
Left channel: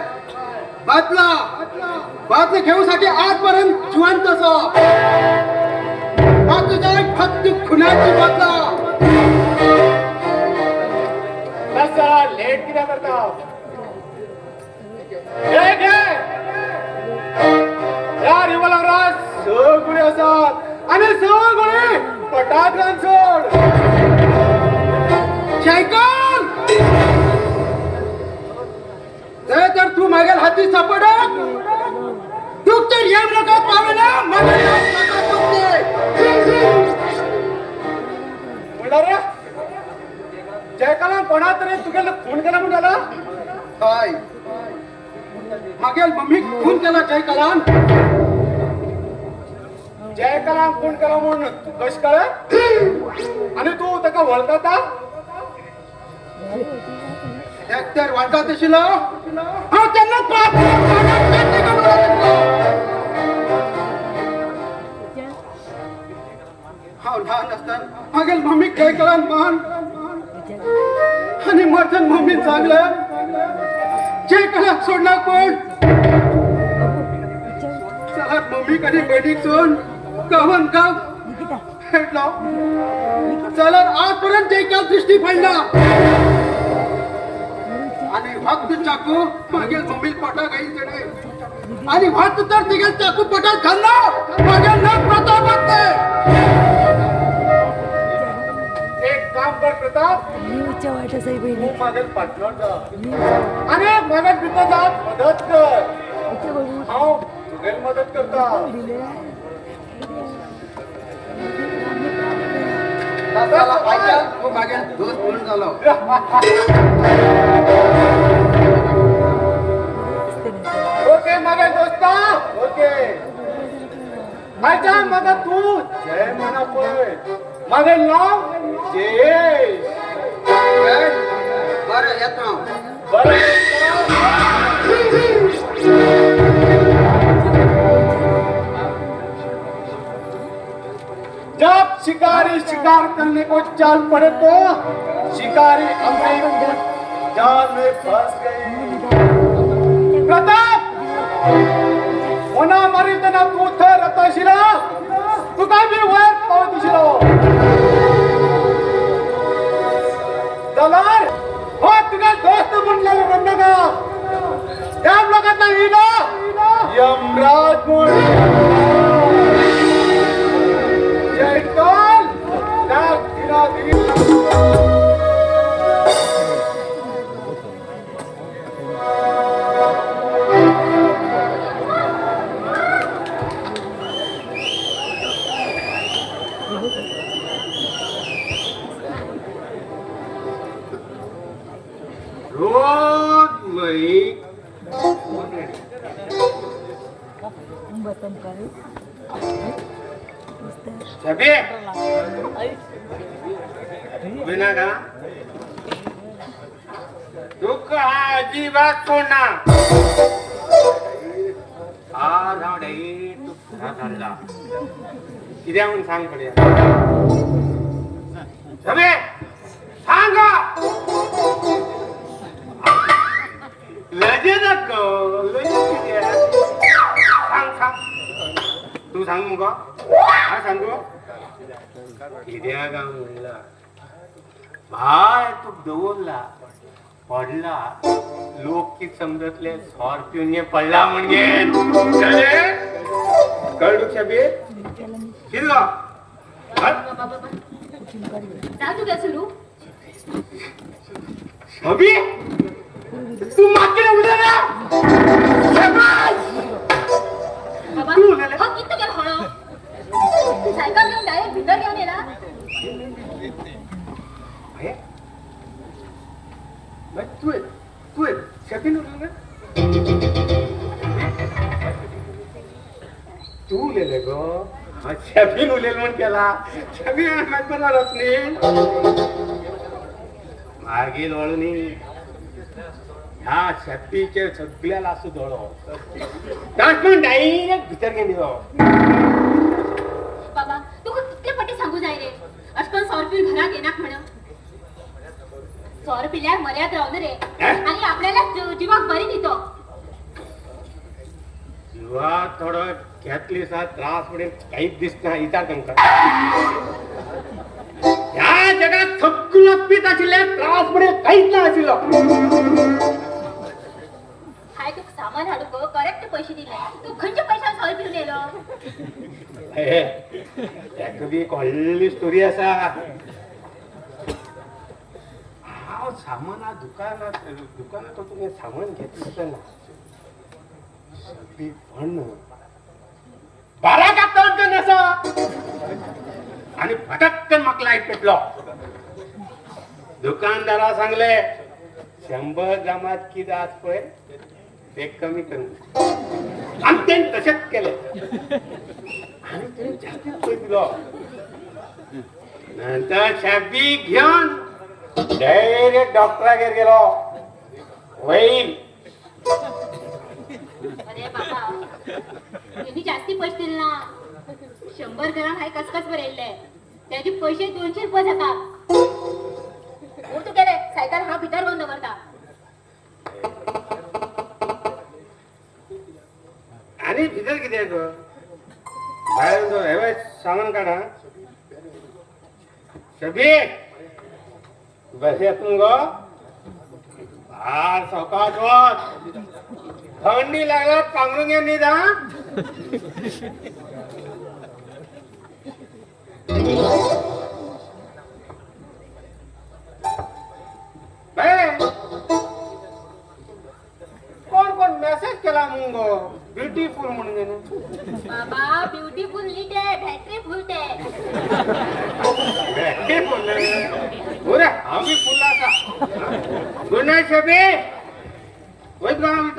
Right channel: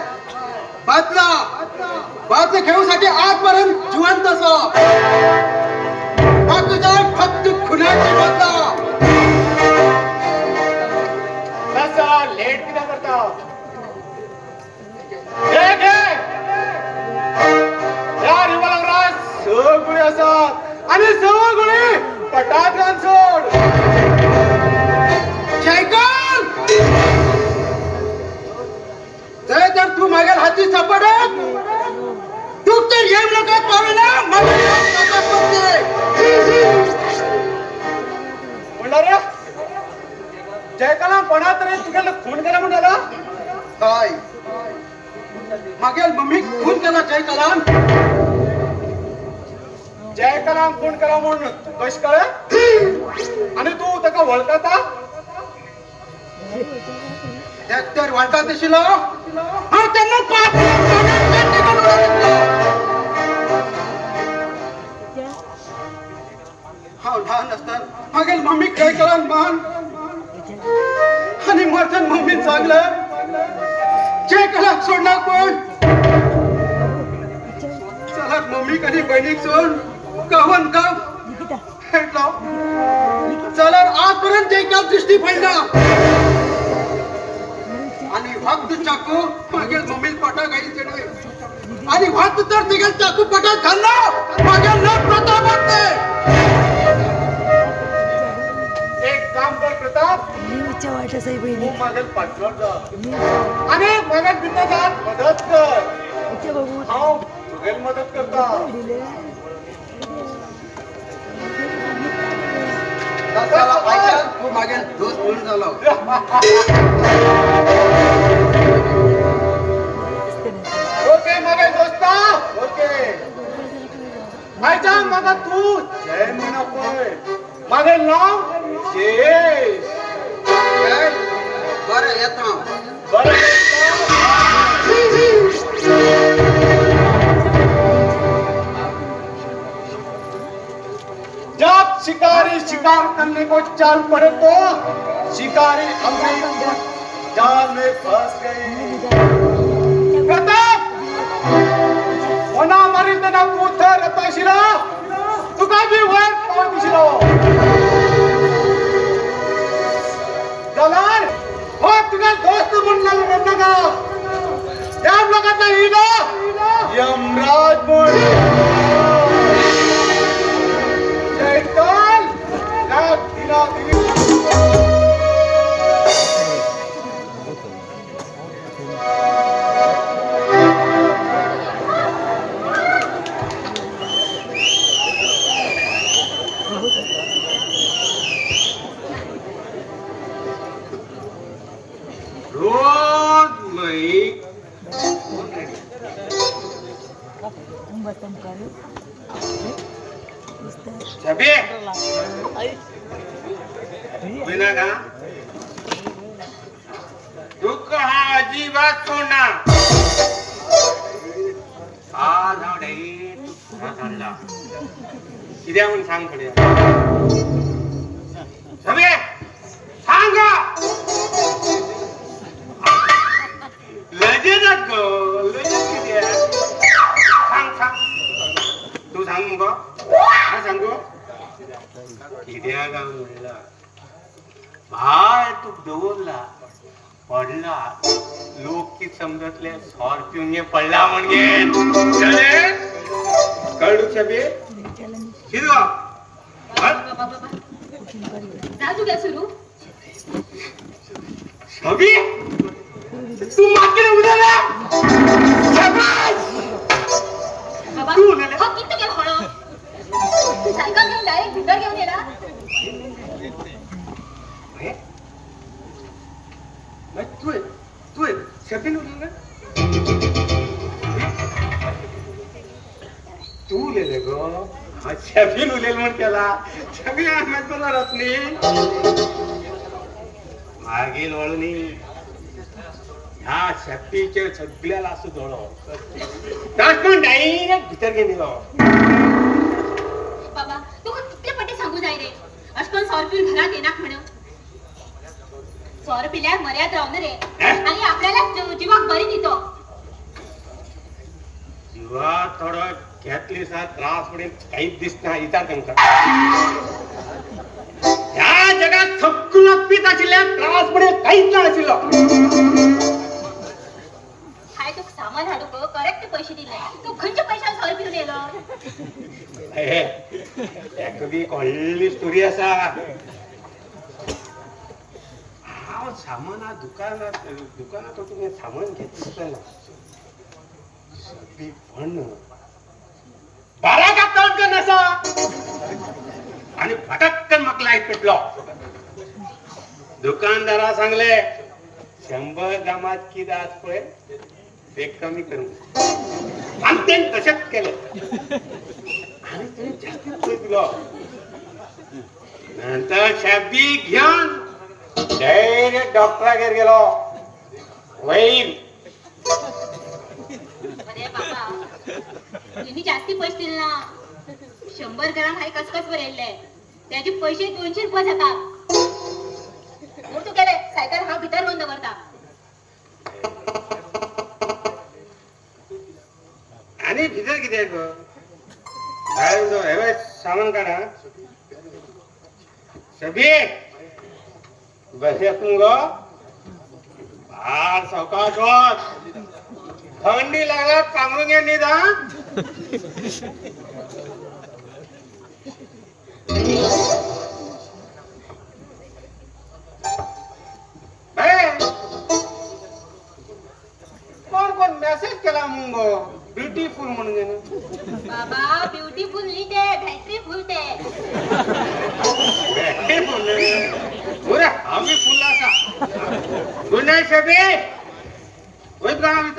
बातला घेऊसाठी आजपर्यंत जिवंत असो तुझ्या फक्त खुनाची बदला कसा लेट कित्याक करता घे ह्या रिव्हॉल्वरांत स गुळी आसात आनी स गुळी पटाक लावन सोड शैतान जर तर तू मागेल हाती सापडत तू तर येऊ नका पावेना म्हणलं रे जयकाला कोणा तरी तुगेले फोन करा म्हणाला काय मागेल मम्मी खून केला जयकलान फोन करा म्हणून कश कळ आणि तू ताका वळखता तर वाटत अशिलो हा त्यांना हांव ल्हान आसतना मागेल मम्मी जयकलान मान आणि माझ्या मम्मीन सांगलं जयकलाक सोडला कोण चला मम्मी कधी बहिणीक सोड गावान गाव हेटलो चला आजपर्यंत जयकाल दृष्टी पडला आणि भक्त चाकू मागेल मम्मी पटा गाई चढे आणि भक्त तर तिघे चाकू पटा खाल्ला मागेल लोक प्रताप वाटते एक काम कर प्रताप न्यूजच्या वाट्या साई बहिणी माझे पाठवण जा न्यूजच्या वाट्या आणि माझ्या बिद्या जात मदत कर इथे बघू हांव तुगेल मदत करता दिले दासाला पाहिजे तू मागेल दोस्त म्हणून झालो ओके मगे दोस्ता ओके आयचा मगा तू जय म्हणा पुढे मागे नाव जयेश बरं येतो जब शिकारी शिकार करने को चल पड़े तो शिकारी अपने जाल में फंस गए प्रताप होना मारी तना तू थर रतशिला तुका भी वर पावतिशिलो दलार हो तुका दोस्त म्हणला नका याम लगत नाही ना यमराज जयकाल लाग दिना दिली बतम कर छबे बिना का दुःख हा अजिबात सोडणार आज आडे हाताळला कित्याक म्हणून सांग पडे छबे सांग लजे नको लजे कित्याक सांग तू सांग मग काय सांगू कित्याक म्हणला भाय तू दवरला पडला लोक कित समजतले स्कॉर्पिओने पडला म्हणजे कळू छबे जा तू काय सुरू अभि तू मात्र उद्याला बाबा तू उलट. हा किती काय होणं सायकल घेऊन डायरेक्ट भीतर घेऊन ये ना तू शफी तू लिहिले गो शफी उलेल म्हणून त्याला शफी करणारच नाही मागील वळून ह्या शक्तीचे सगळ्याला असू धोड पण डायरेक्ट भीतर गेली बाबा तू कितले पटे सांगू जाय रे अशकन 100 रुपये घरात येणार म्हण 100 रुपयाला मर्याद राहणार रे आणि आपल्याला जीवाक बरी दितो जीवा थोडं घेतली सा त्रास पडेल काहीच दिसत नाही विचार करून या जगात सगळं पीत असल्या त्रास पडेल काहीच नाही असेल हाय तू सामान हाडू गो करेक्ट पैसे दिले तू खंयच्या पैशाला 100 रुपये नेलो कधी एक हळली स्टोरी असा सामान दुकानातून सामान घेतलं पण बारा का कळत नसा आणि फटक्कन मग लाईट पेटलो दुकानदारा सांगले 100 ग्रामात की दास पळे ते कमी करू आणि ते तसेच केले आणि त्याने जास्त पैसे दिलो नंतर शब्दी घेऊन डायरेक्ट डॉक्टराकडे गेलो होईल अरे बाबा तुम्ही जास्ती पैसे दिले ना 100 ग्राम हाय कसकस बरेले त्याचे पैसे 200 रुपये जातात मग तू केले सायकल हा भीतर बंद करता आणि भितर किती आहे ग बाहेर सामान काढा सभी बस फार सावकाश होत थंडी लागत पांघरून घ्या निदान कोण मेसेज केला मग ब्युटीफुल म्हणून बाबा ब्युटीफुल लिटे बॅटरी फुलते आम्ही फुलाचा गुड नाईट सभी होईल का आम्ही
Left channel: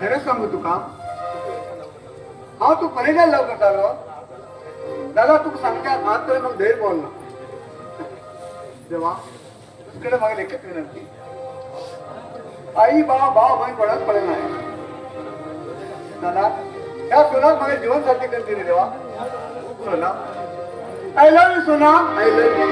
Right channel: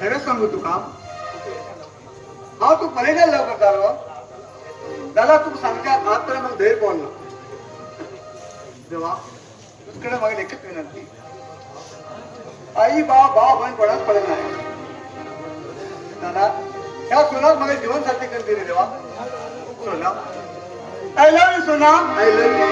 खरं सांगू तुका हांव तू पळयना लव करतालो जाल्यार तुका सांगता आज तर मग धैर्य पडना देवा तुकडे म्हाका एकच विनंती आई भाव भयण कोणाक पडना दादा ह्या सोनाक म्हाका जीवन साथी करता रे देवा सोना आय लव यू सोना आय लव यू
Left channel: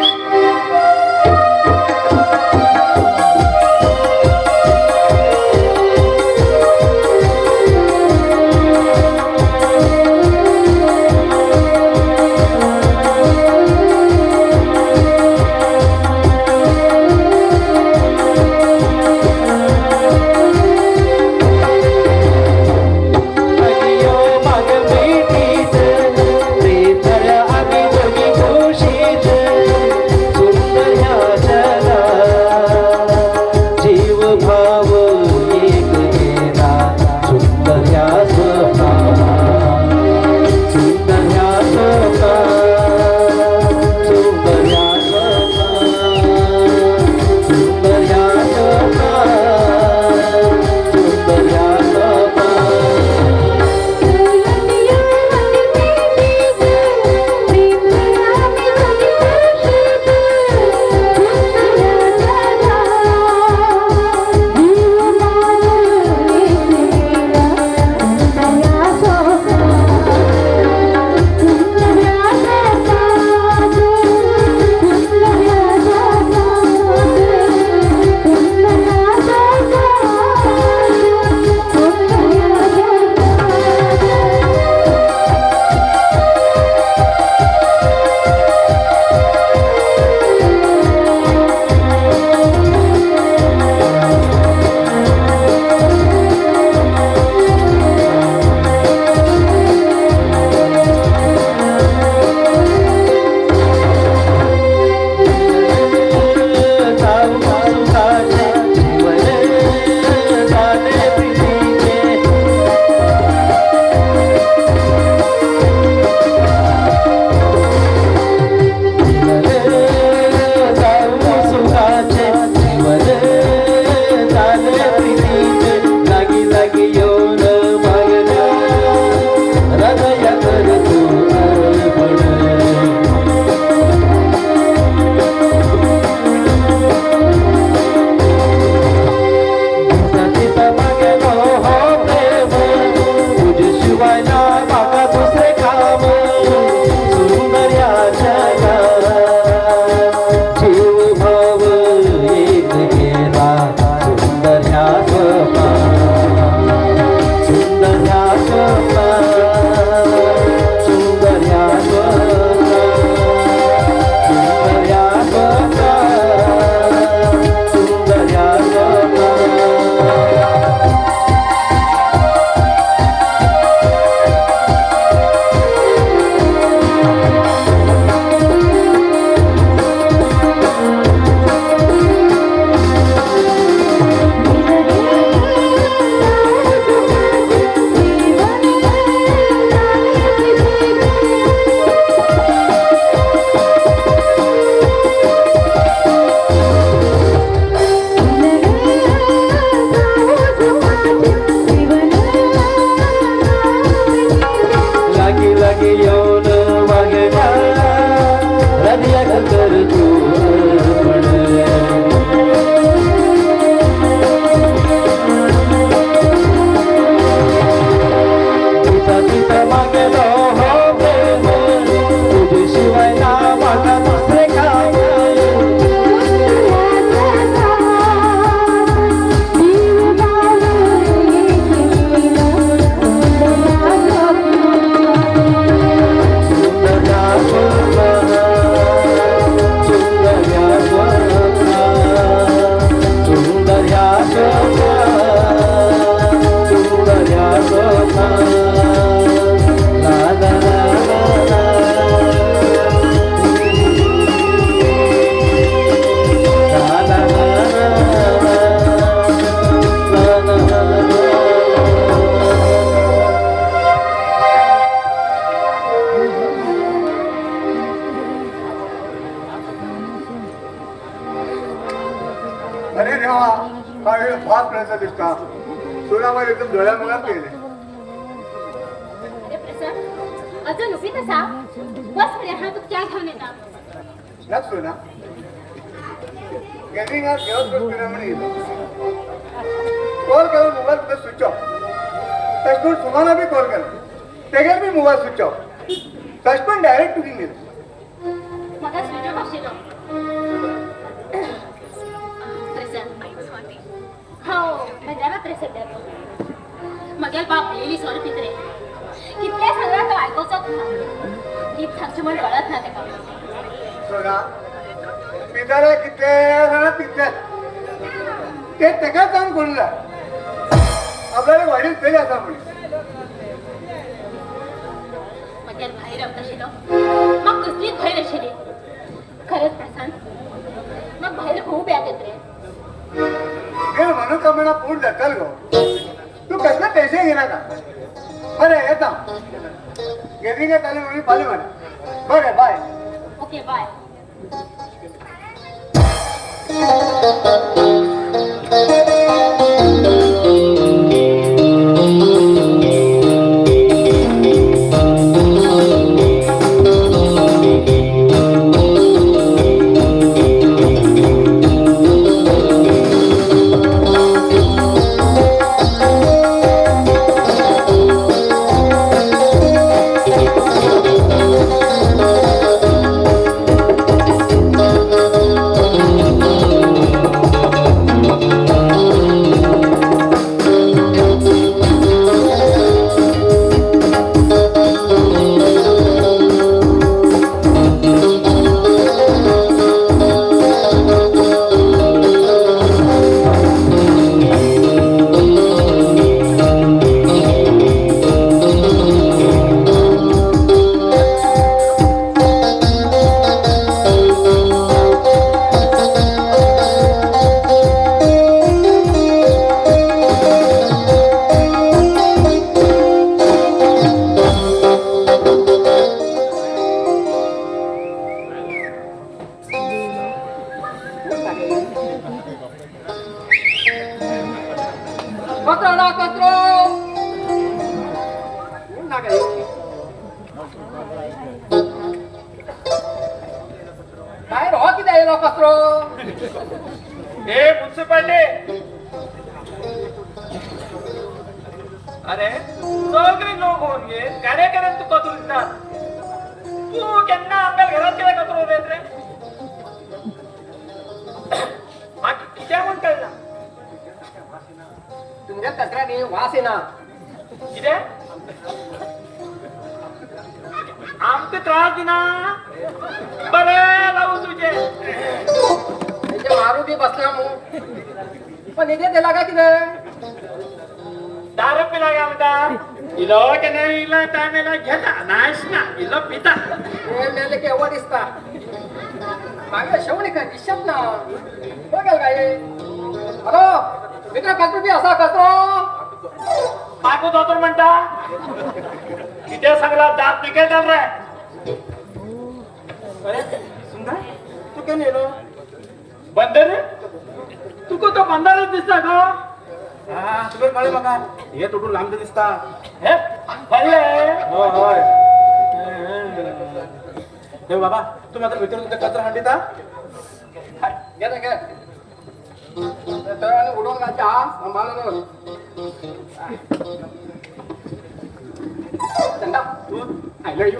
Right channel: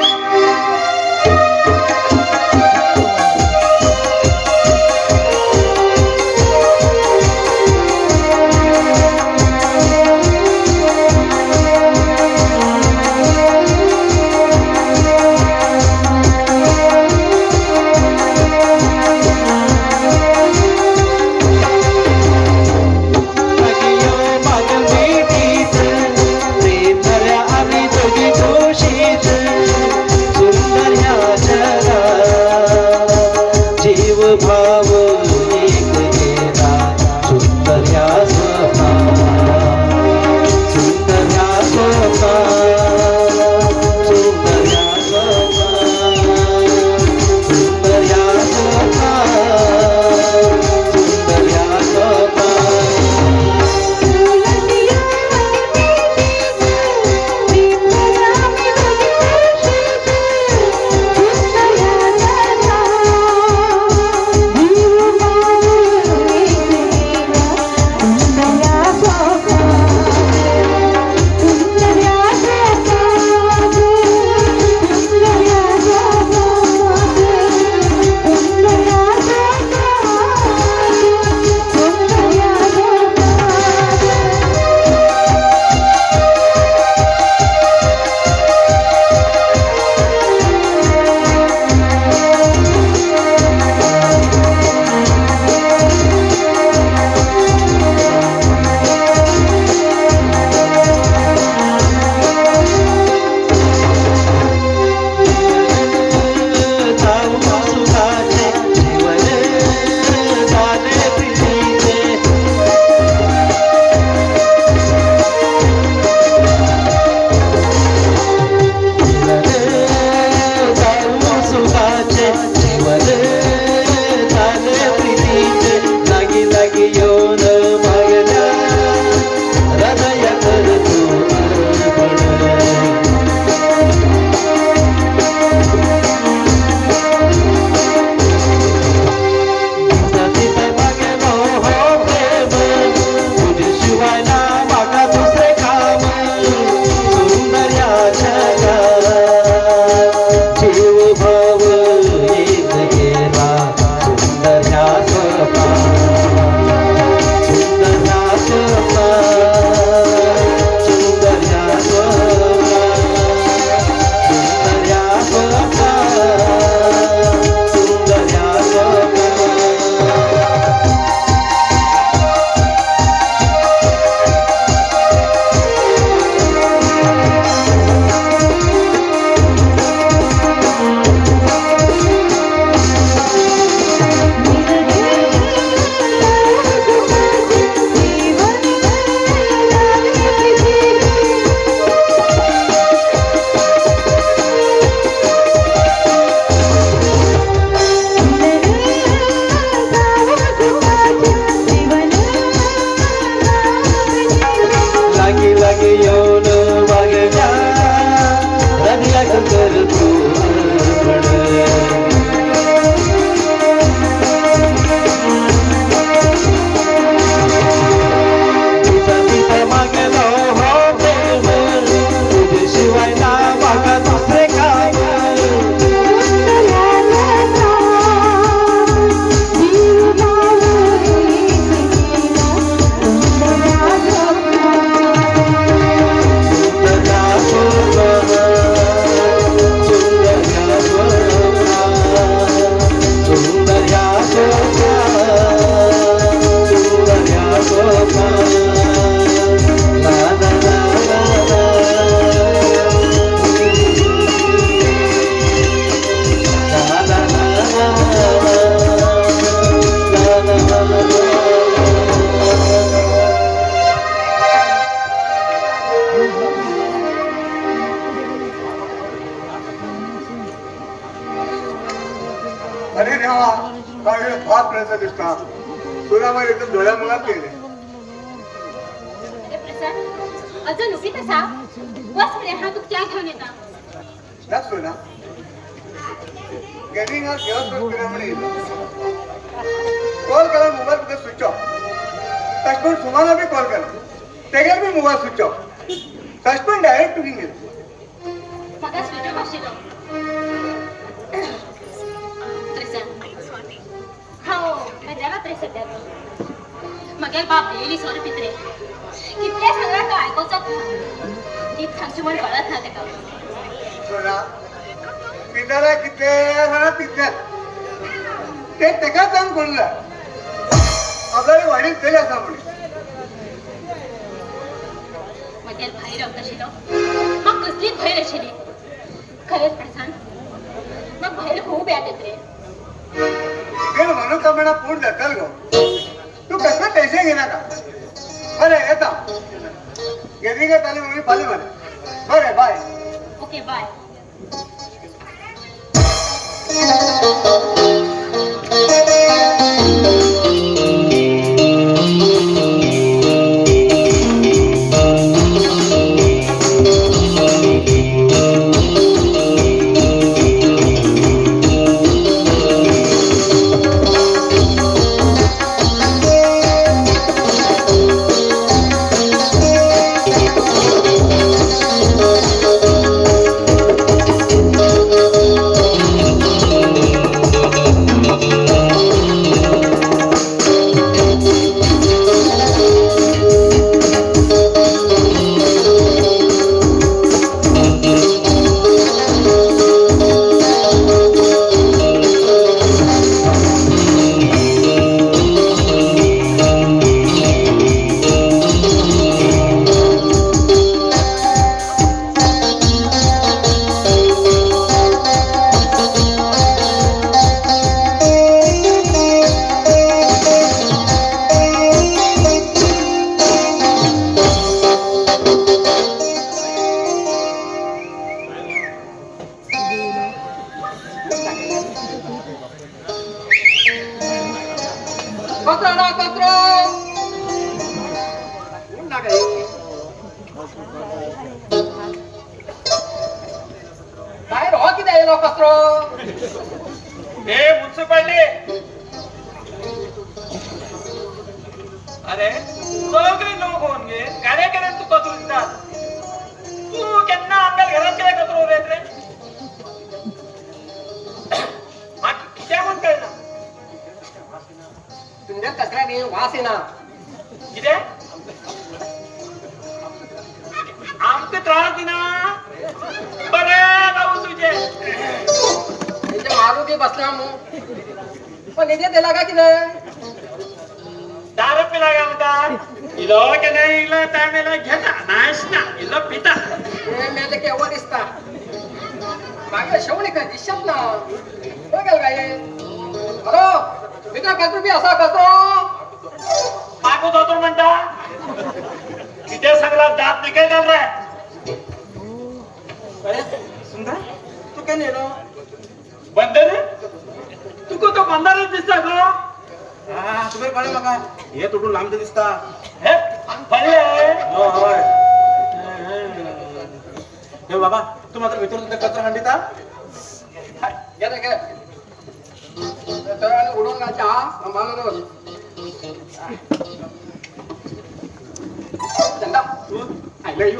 सुर अरे देवा काय फास्ट पर्यंत दिसता तुला मला एकदम डोळ्या मला केले अरे प्रसाद अजून उभी कसा बस म्हणे हा तू क्या घेऊन येता त्याच ना गेमिंग आज व्यवस्थित फिरवणे कॉल केला मोबाईल तुझा स्विच ऑफ सचमुच तुम्हाला बी कॉल केला तेव्हा मी मोबाईल स्विच ऑफ सचमुच डायरेक्ट टुकिंग घेतली सगळा स्विच ऑफ आशिल्लो हो मजा मात्र सध्या मगर बाप येयली सोर पित्रे कितले सांगला तो आयकोचाच नीट सांगची म्हण कळत ना तेका सोना पितारे कितले म्हणा तितले ते तेका काम करूला आपल्याला वाडीत तरी असा म्हणून मगर भाई रंग आशिल्लो मग कसली भय आशिल्ली खरेच प्रशांत मग भय खूप याद येत रे నేను మనోకమణ పూర్తి దక్కలుగో तू कसले पैसे घेणार का बरे येता गेली का ताले म्हणून पाले म्हणे बरे बाय ओके बाय हे म्युन्सिपालिटी अरे सगळे लोक होऊन गे कार्यकर्ते तू कचरो दिसतात तू केन्ना आपल्या घरात केला कचरो उडयत रे म्हाका कित्याक म्हूण कळना तुमच्या कचऱ्यानी वास येना कित्याक आमचे त्रास दिना बरे लावू तुझे तुमच्या मारुती बसला मग पण निधी दिला का किती दारू पिला का म्हणता इलो की नाही इलो टायमेला घेता नाहीस ना इलो पिता तुम्ही मेले केव्हा दिसता मागच्या शेवटी काय दिसत ना बघेल काय हॅलो मित्र कचरो बी असा कचरो मागो दोतर म्हणता किती सगळा दात निघेल घाल रे सुंदर तू काय नेलो बंदर तुका तो बंदरच दिसता का हा तुला कळलं बघा हे तुटून लांब दिसता हे पडले हो होय हे बाबा तू मात्र भितर कचरा हांडीता घे रे, घे तर आणि उडून घालता सांभाळून चंदा आय लव्ह यू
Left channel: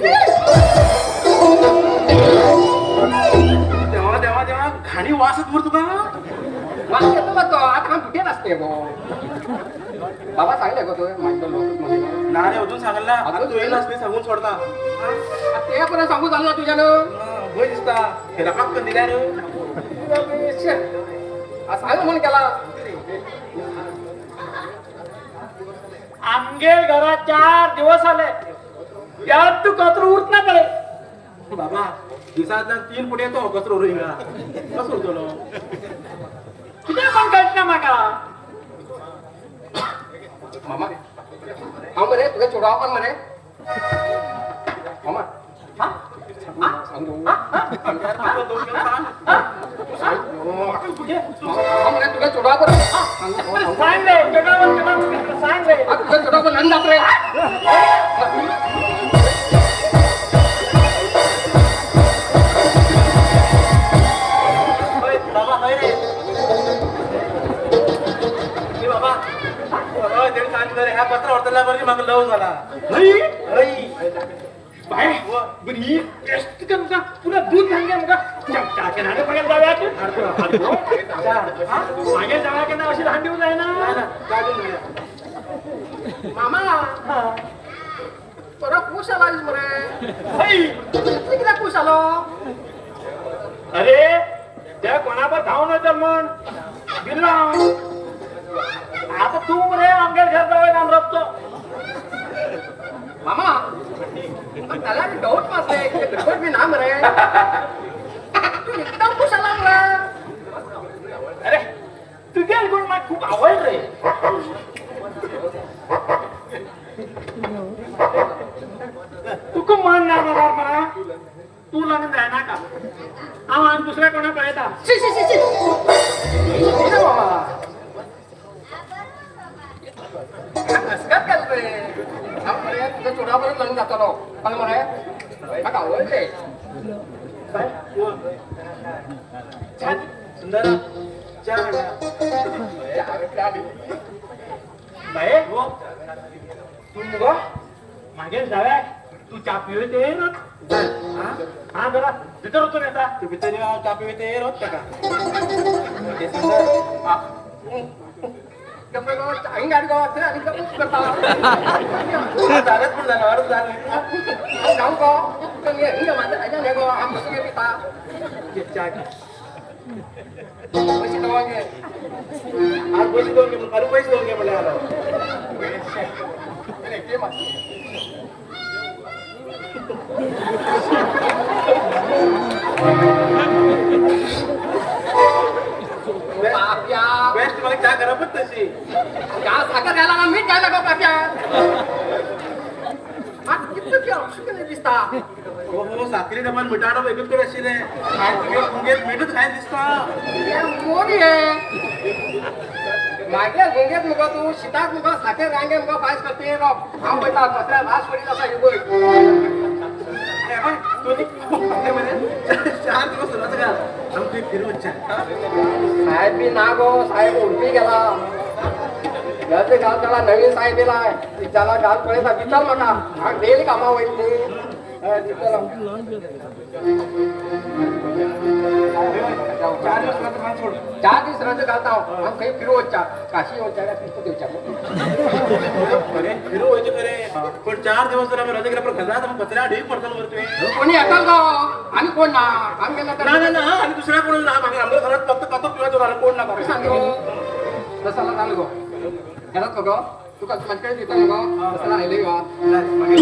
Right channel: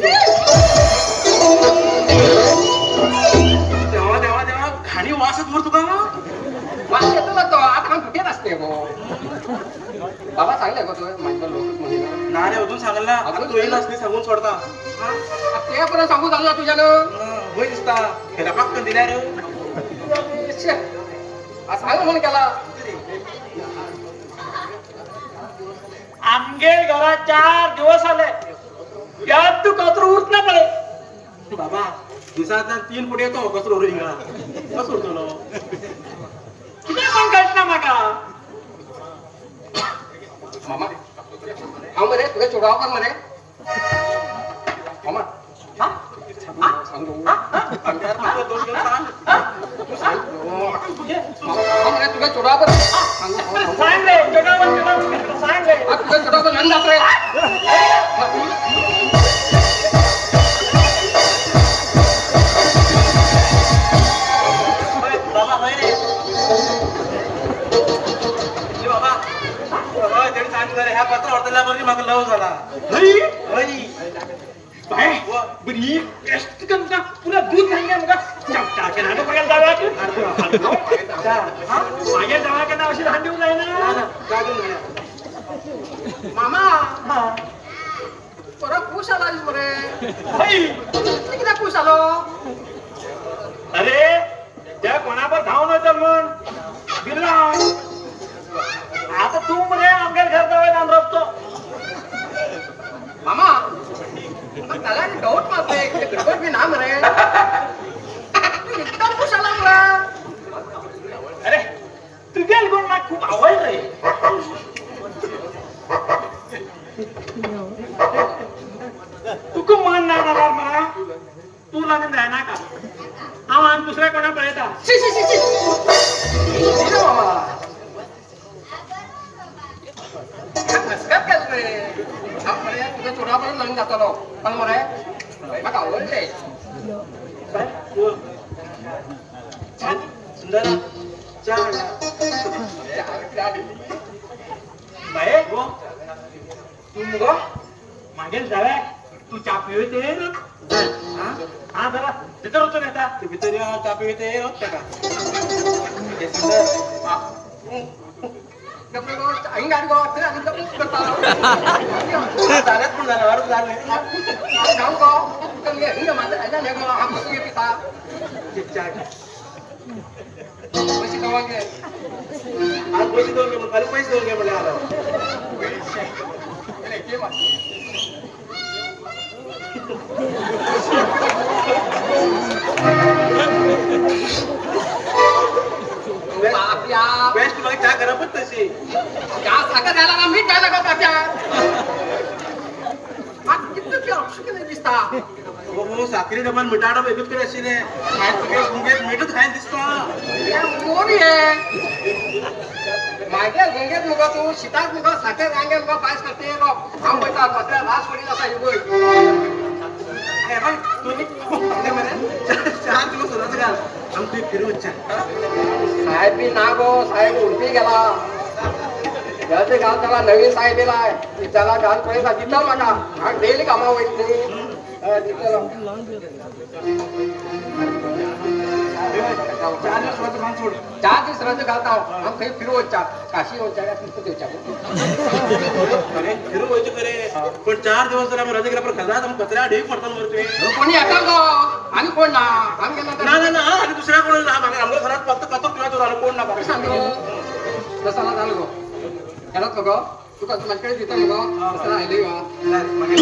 तेव्हा तेव्हा तेव्हा घाणी वास येत तुका माझ्या येतो तो आता कुठे नसते गो बाबा सांगितलं गो तो माझ्या लोक नारे अजून सांगला आता तू येईल नसली सांगून सोडता ते पण सांगू झालं तुझ्यानं होय दिसता ह्याला पाक दिल्या रे सांग म्हणून केला आमगे घरात 4 दिवस आले यात तू कचरो उरत नाही पडे बाबा दिवसाचा 3 फुट येतो कचरो रिंगा कसं होतो किती पण काढत ना माका मामा हा म्हणे तुझे चोडाव कर म्हणे मामा सांगू मला तुला चोडावर सांग रे सांग रे तुला चोडावर नंद जात रे बाबा नाही बाबा बाबा त्यांनी सांगितलं ह्या कचरा वर्तल्यावरती मला लव झाला बाय बरी टेस्ट तुमचा पुन्हा दूध घालणे मग टाके नाटक बघायला जाऊया माझ्या जावायच्या नाव अशी लहान देऊन जाय ना मामा परत खुश आला रे किती खुश आलो अरे त्या कोणावर धावून येतात म्हणून बिल्ला आता तू म्हणे आमच्या घर जवळ जाऊन रचतो मामा पण त्याला डाऊट मारते बिलकुल मी ना मरे तू एकदम खुश आला मला अरे तुझ्या गुण मला खूप आवड रे तू खूप मान लावणार मला तू लागून जायना का आम्हाला दुसऱ्या कोणा पळायचा तुझ्या चोडावर लग्न जातो पण मला आवडले सुंदर बाय तू मुग मागेल जाव्या तू चा पिवते हा जरा तिथं होतो नेता ते भितर तापी येते होत का आई गाडी गावात करता चालत पण झालं वाढत झालं जाऊ गो हिंग माझ्या आईला ने गो आम बसून पिता पैसे दवा घे आज पैसे दोन घे खाली पैसे दोन घे मला आला अरे के मा आपल्या बेस्ट मग काय करा पण तशी त्या साखर घाला ना मीठ घाला का पाट्या आज किती प्यार शिकले दिसता हो हो साखरी डबल मिठाडा वेगळीच कडे अशी नाही काय तुझे गुंगेत मिठच खायला दिसता कोण आहे माझ्या गुंगेत मुग तू शितात मुग साखर रांगे मुग पास करते काम होता बसला लास्ट करी असा युगो चार दिवस होता घाल आमची फिरू इच्छा साहेब मी ना गो साहेब उलटी गेला घरचे गाव त्याला नवीन साहेब येला त्याला गाल पडायचा तिथं म्हणा डेली कामा होईल चार दिवस होता सांग सोड 4 दिवस रद्द घालता हम काही फिरू होता काशी होता तिथं देवच्या अरे फिरू व्हायचं करे पण 4 दिवस जर आम्ही रजा केला पण खजात मग कचरा ढेक पडतो वरती कोणी आता गो आणि कोण ना आम्ही ना ना आणि दुसऱ्या कोणाला ना मागे आपल्या घरात फक्त कतो पिवायचो झालं कोण ना बघा सांगतो बसायला झालं गो ह्याला गो तू कसं म्हणते तिथं गो बसायला आले तुझ्या फोटो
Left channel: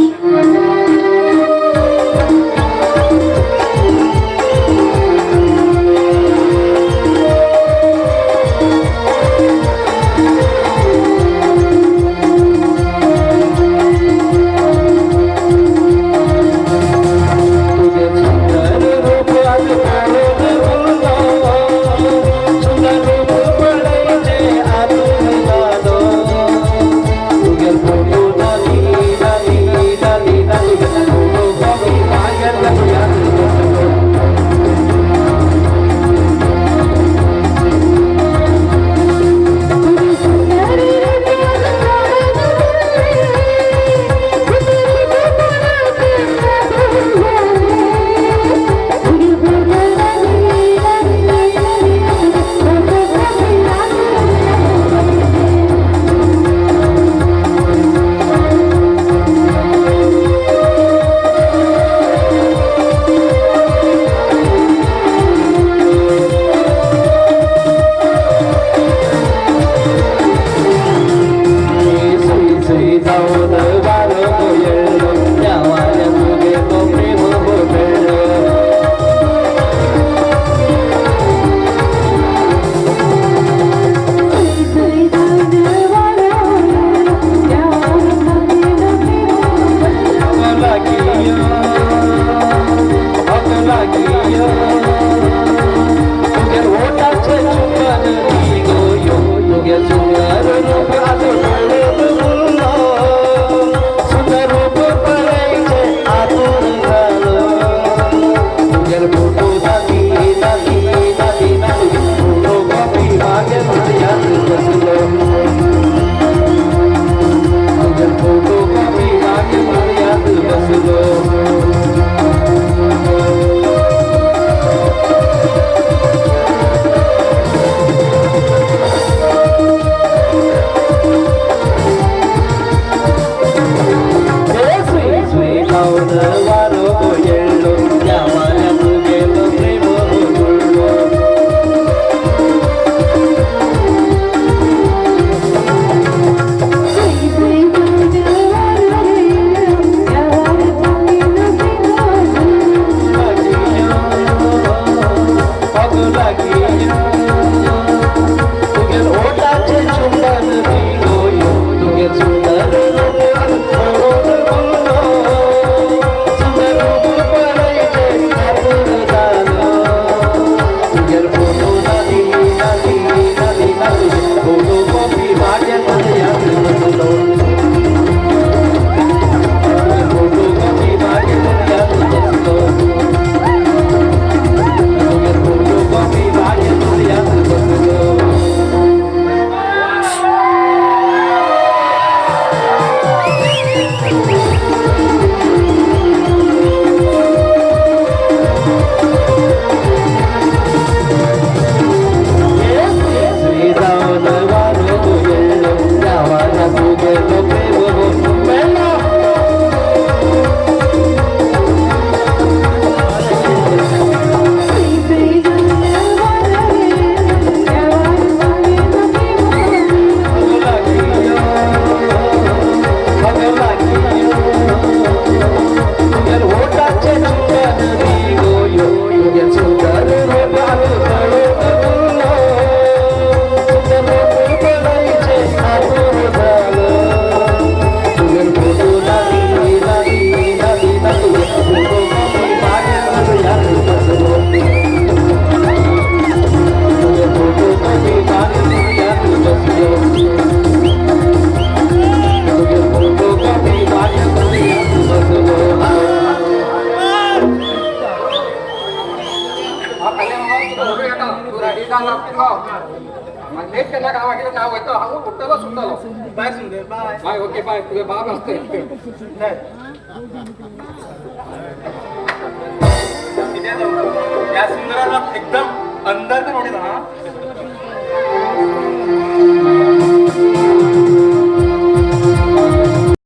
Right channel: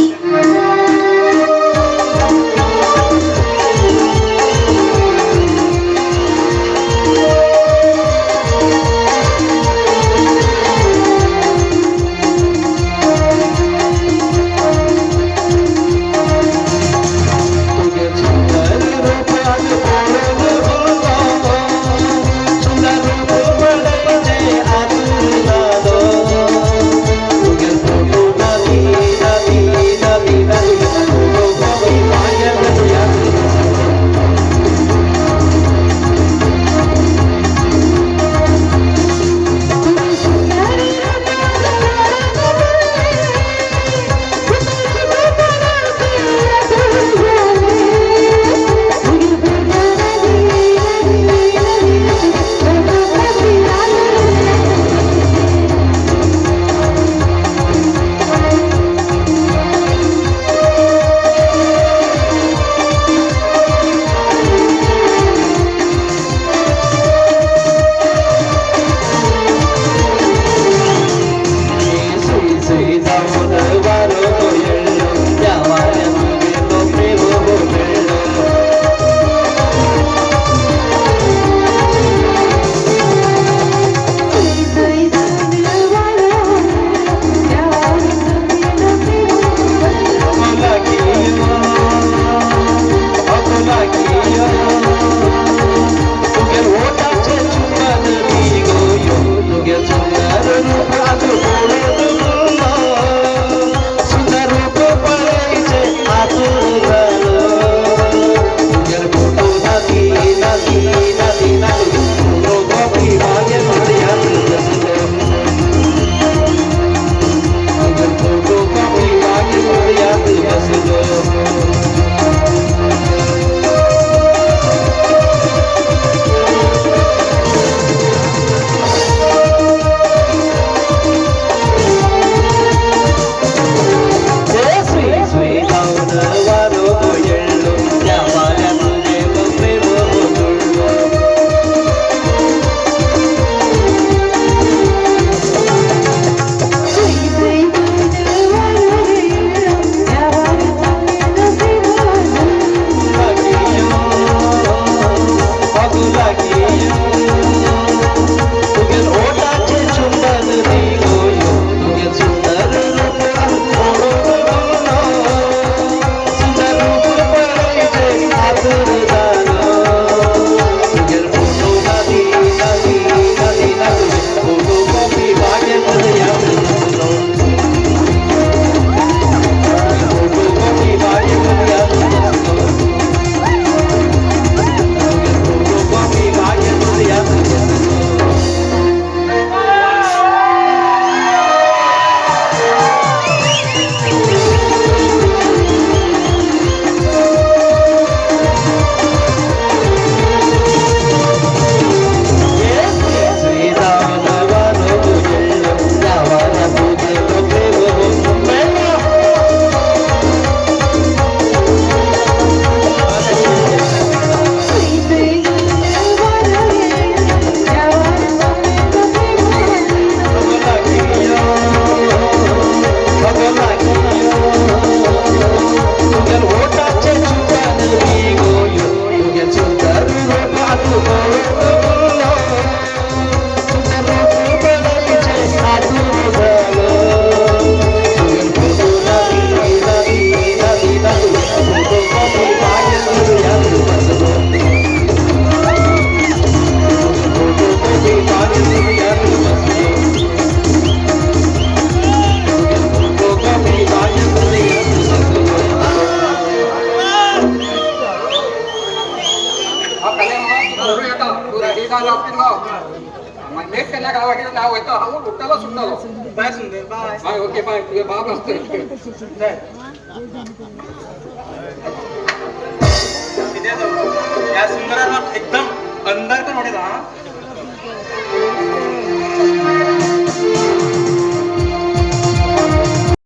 बरोबर येता तू रेडी झाला असतील ना मग लेट केल्या गावाकडे नाव येतं हा उठताला सुटतो बाय सुंदर बाय बाय ओके बाय तुझे बाप असते या सुंदरांना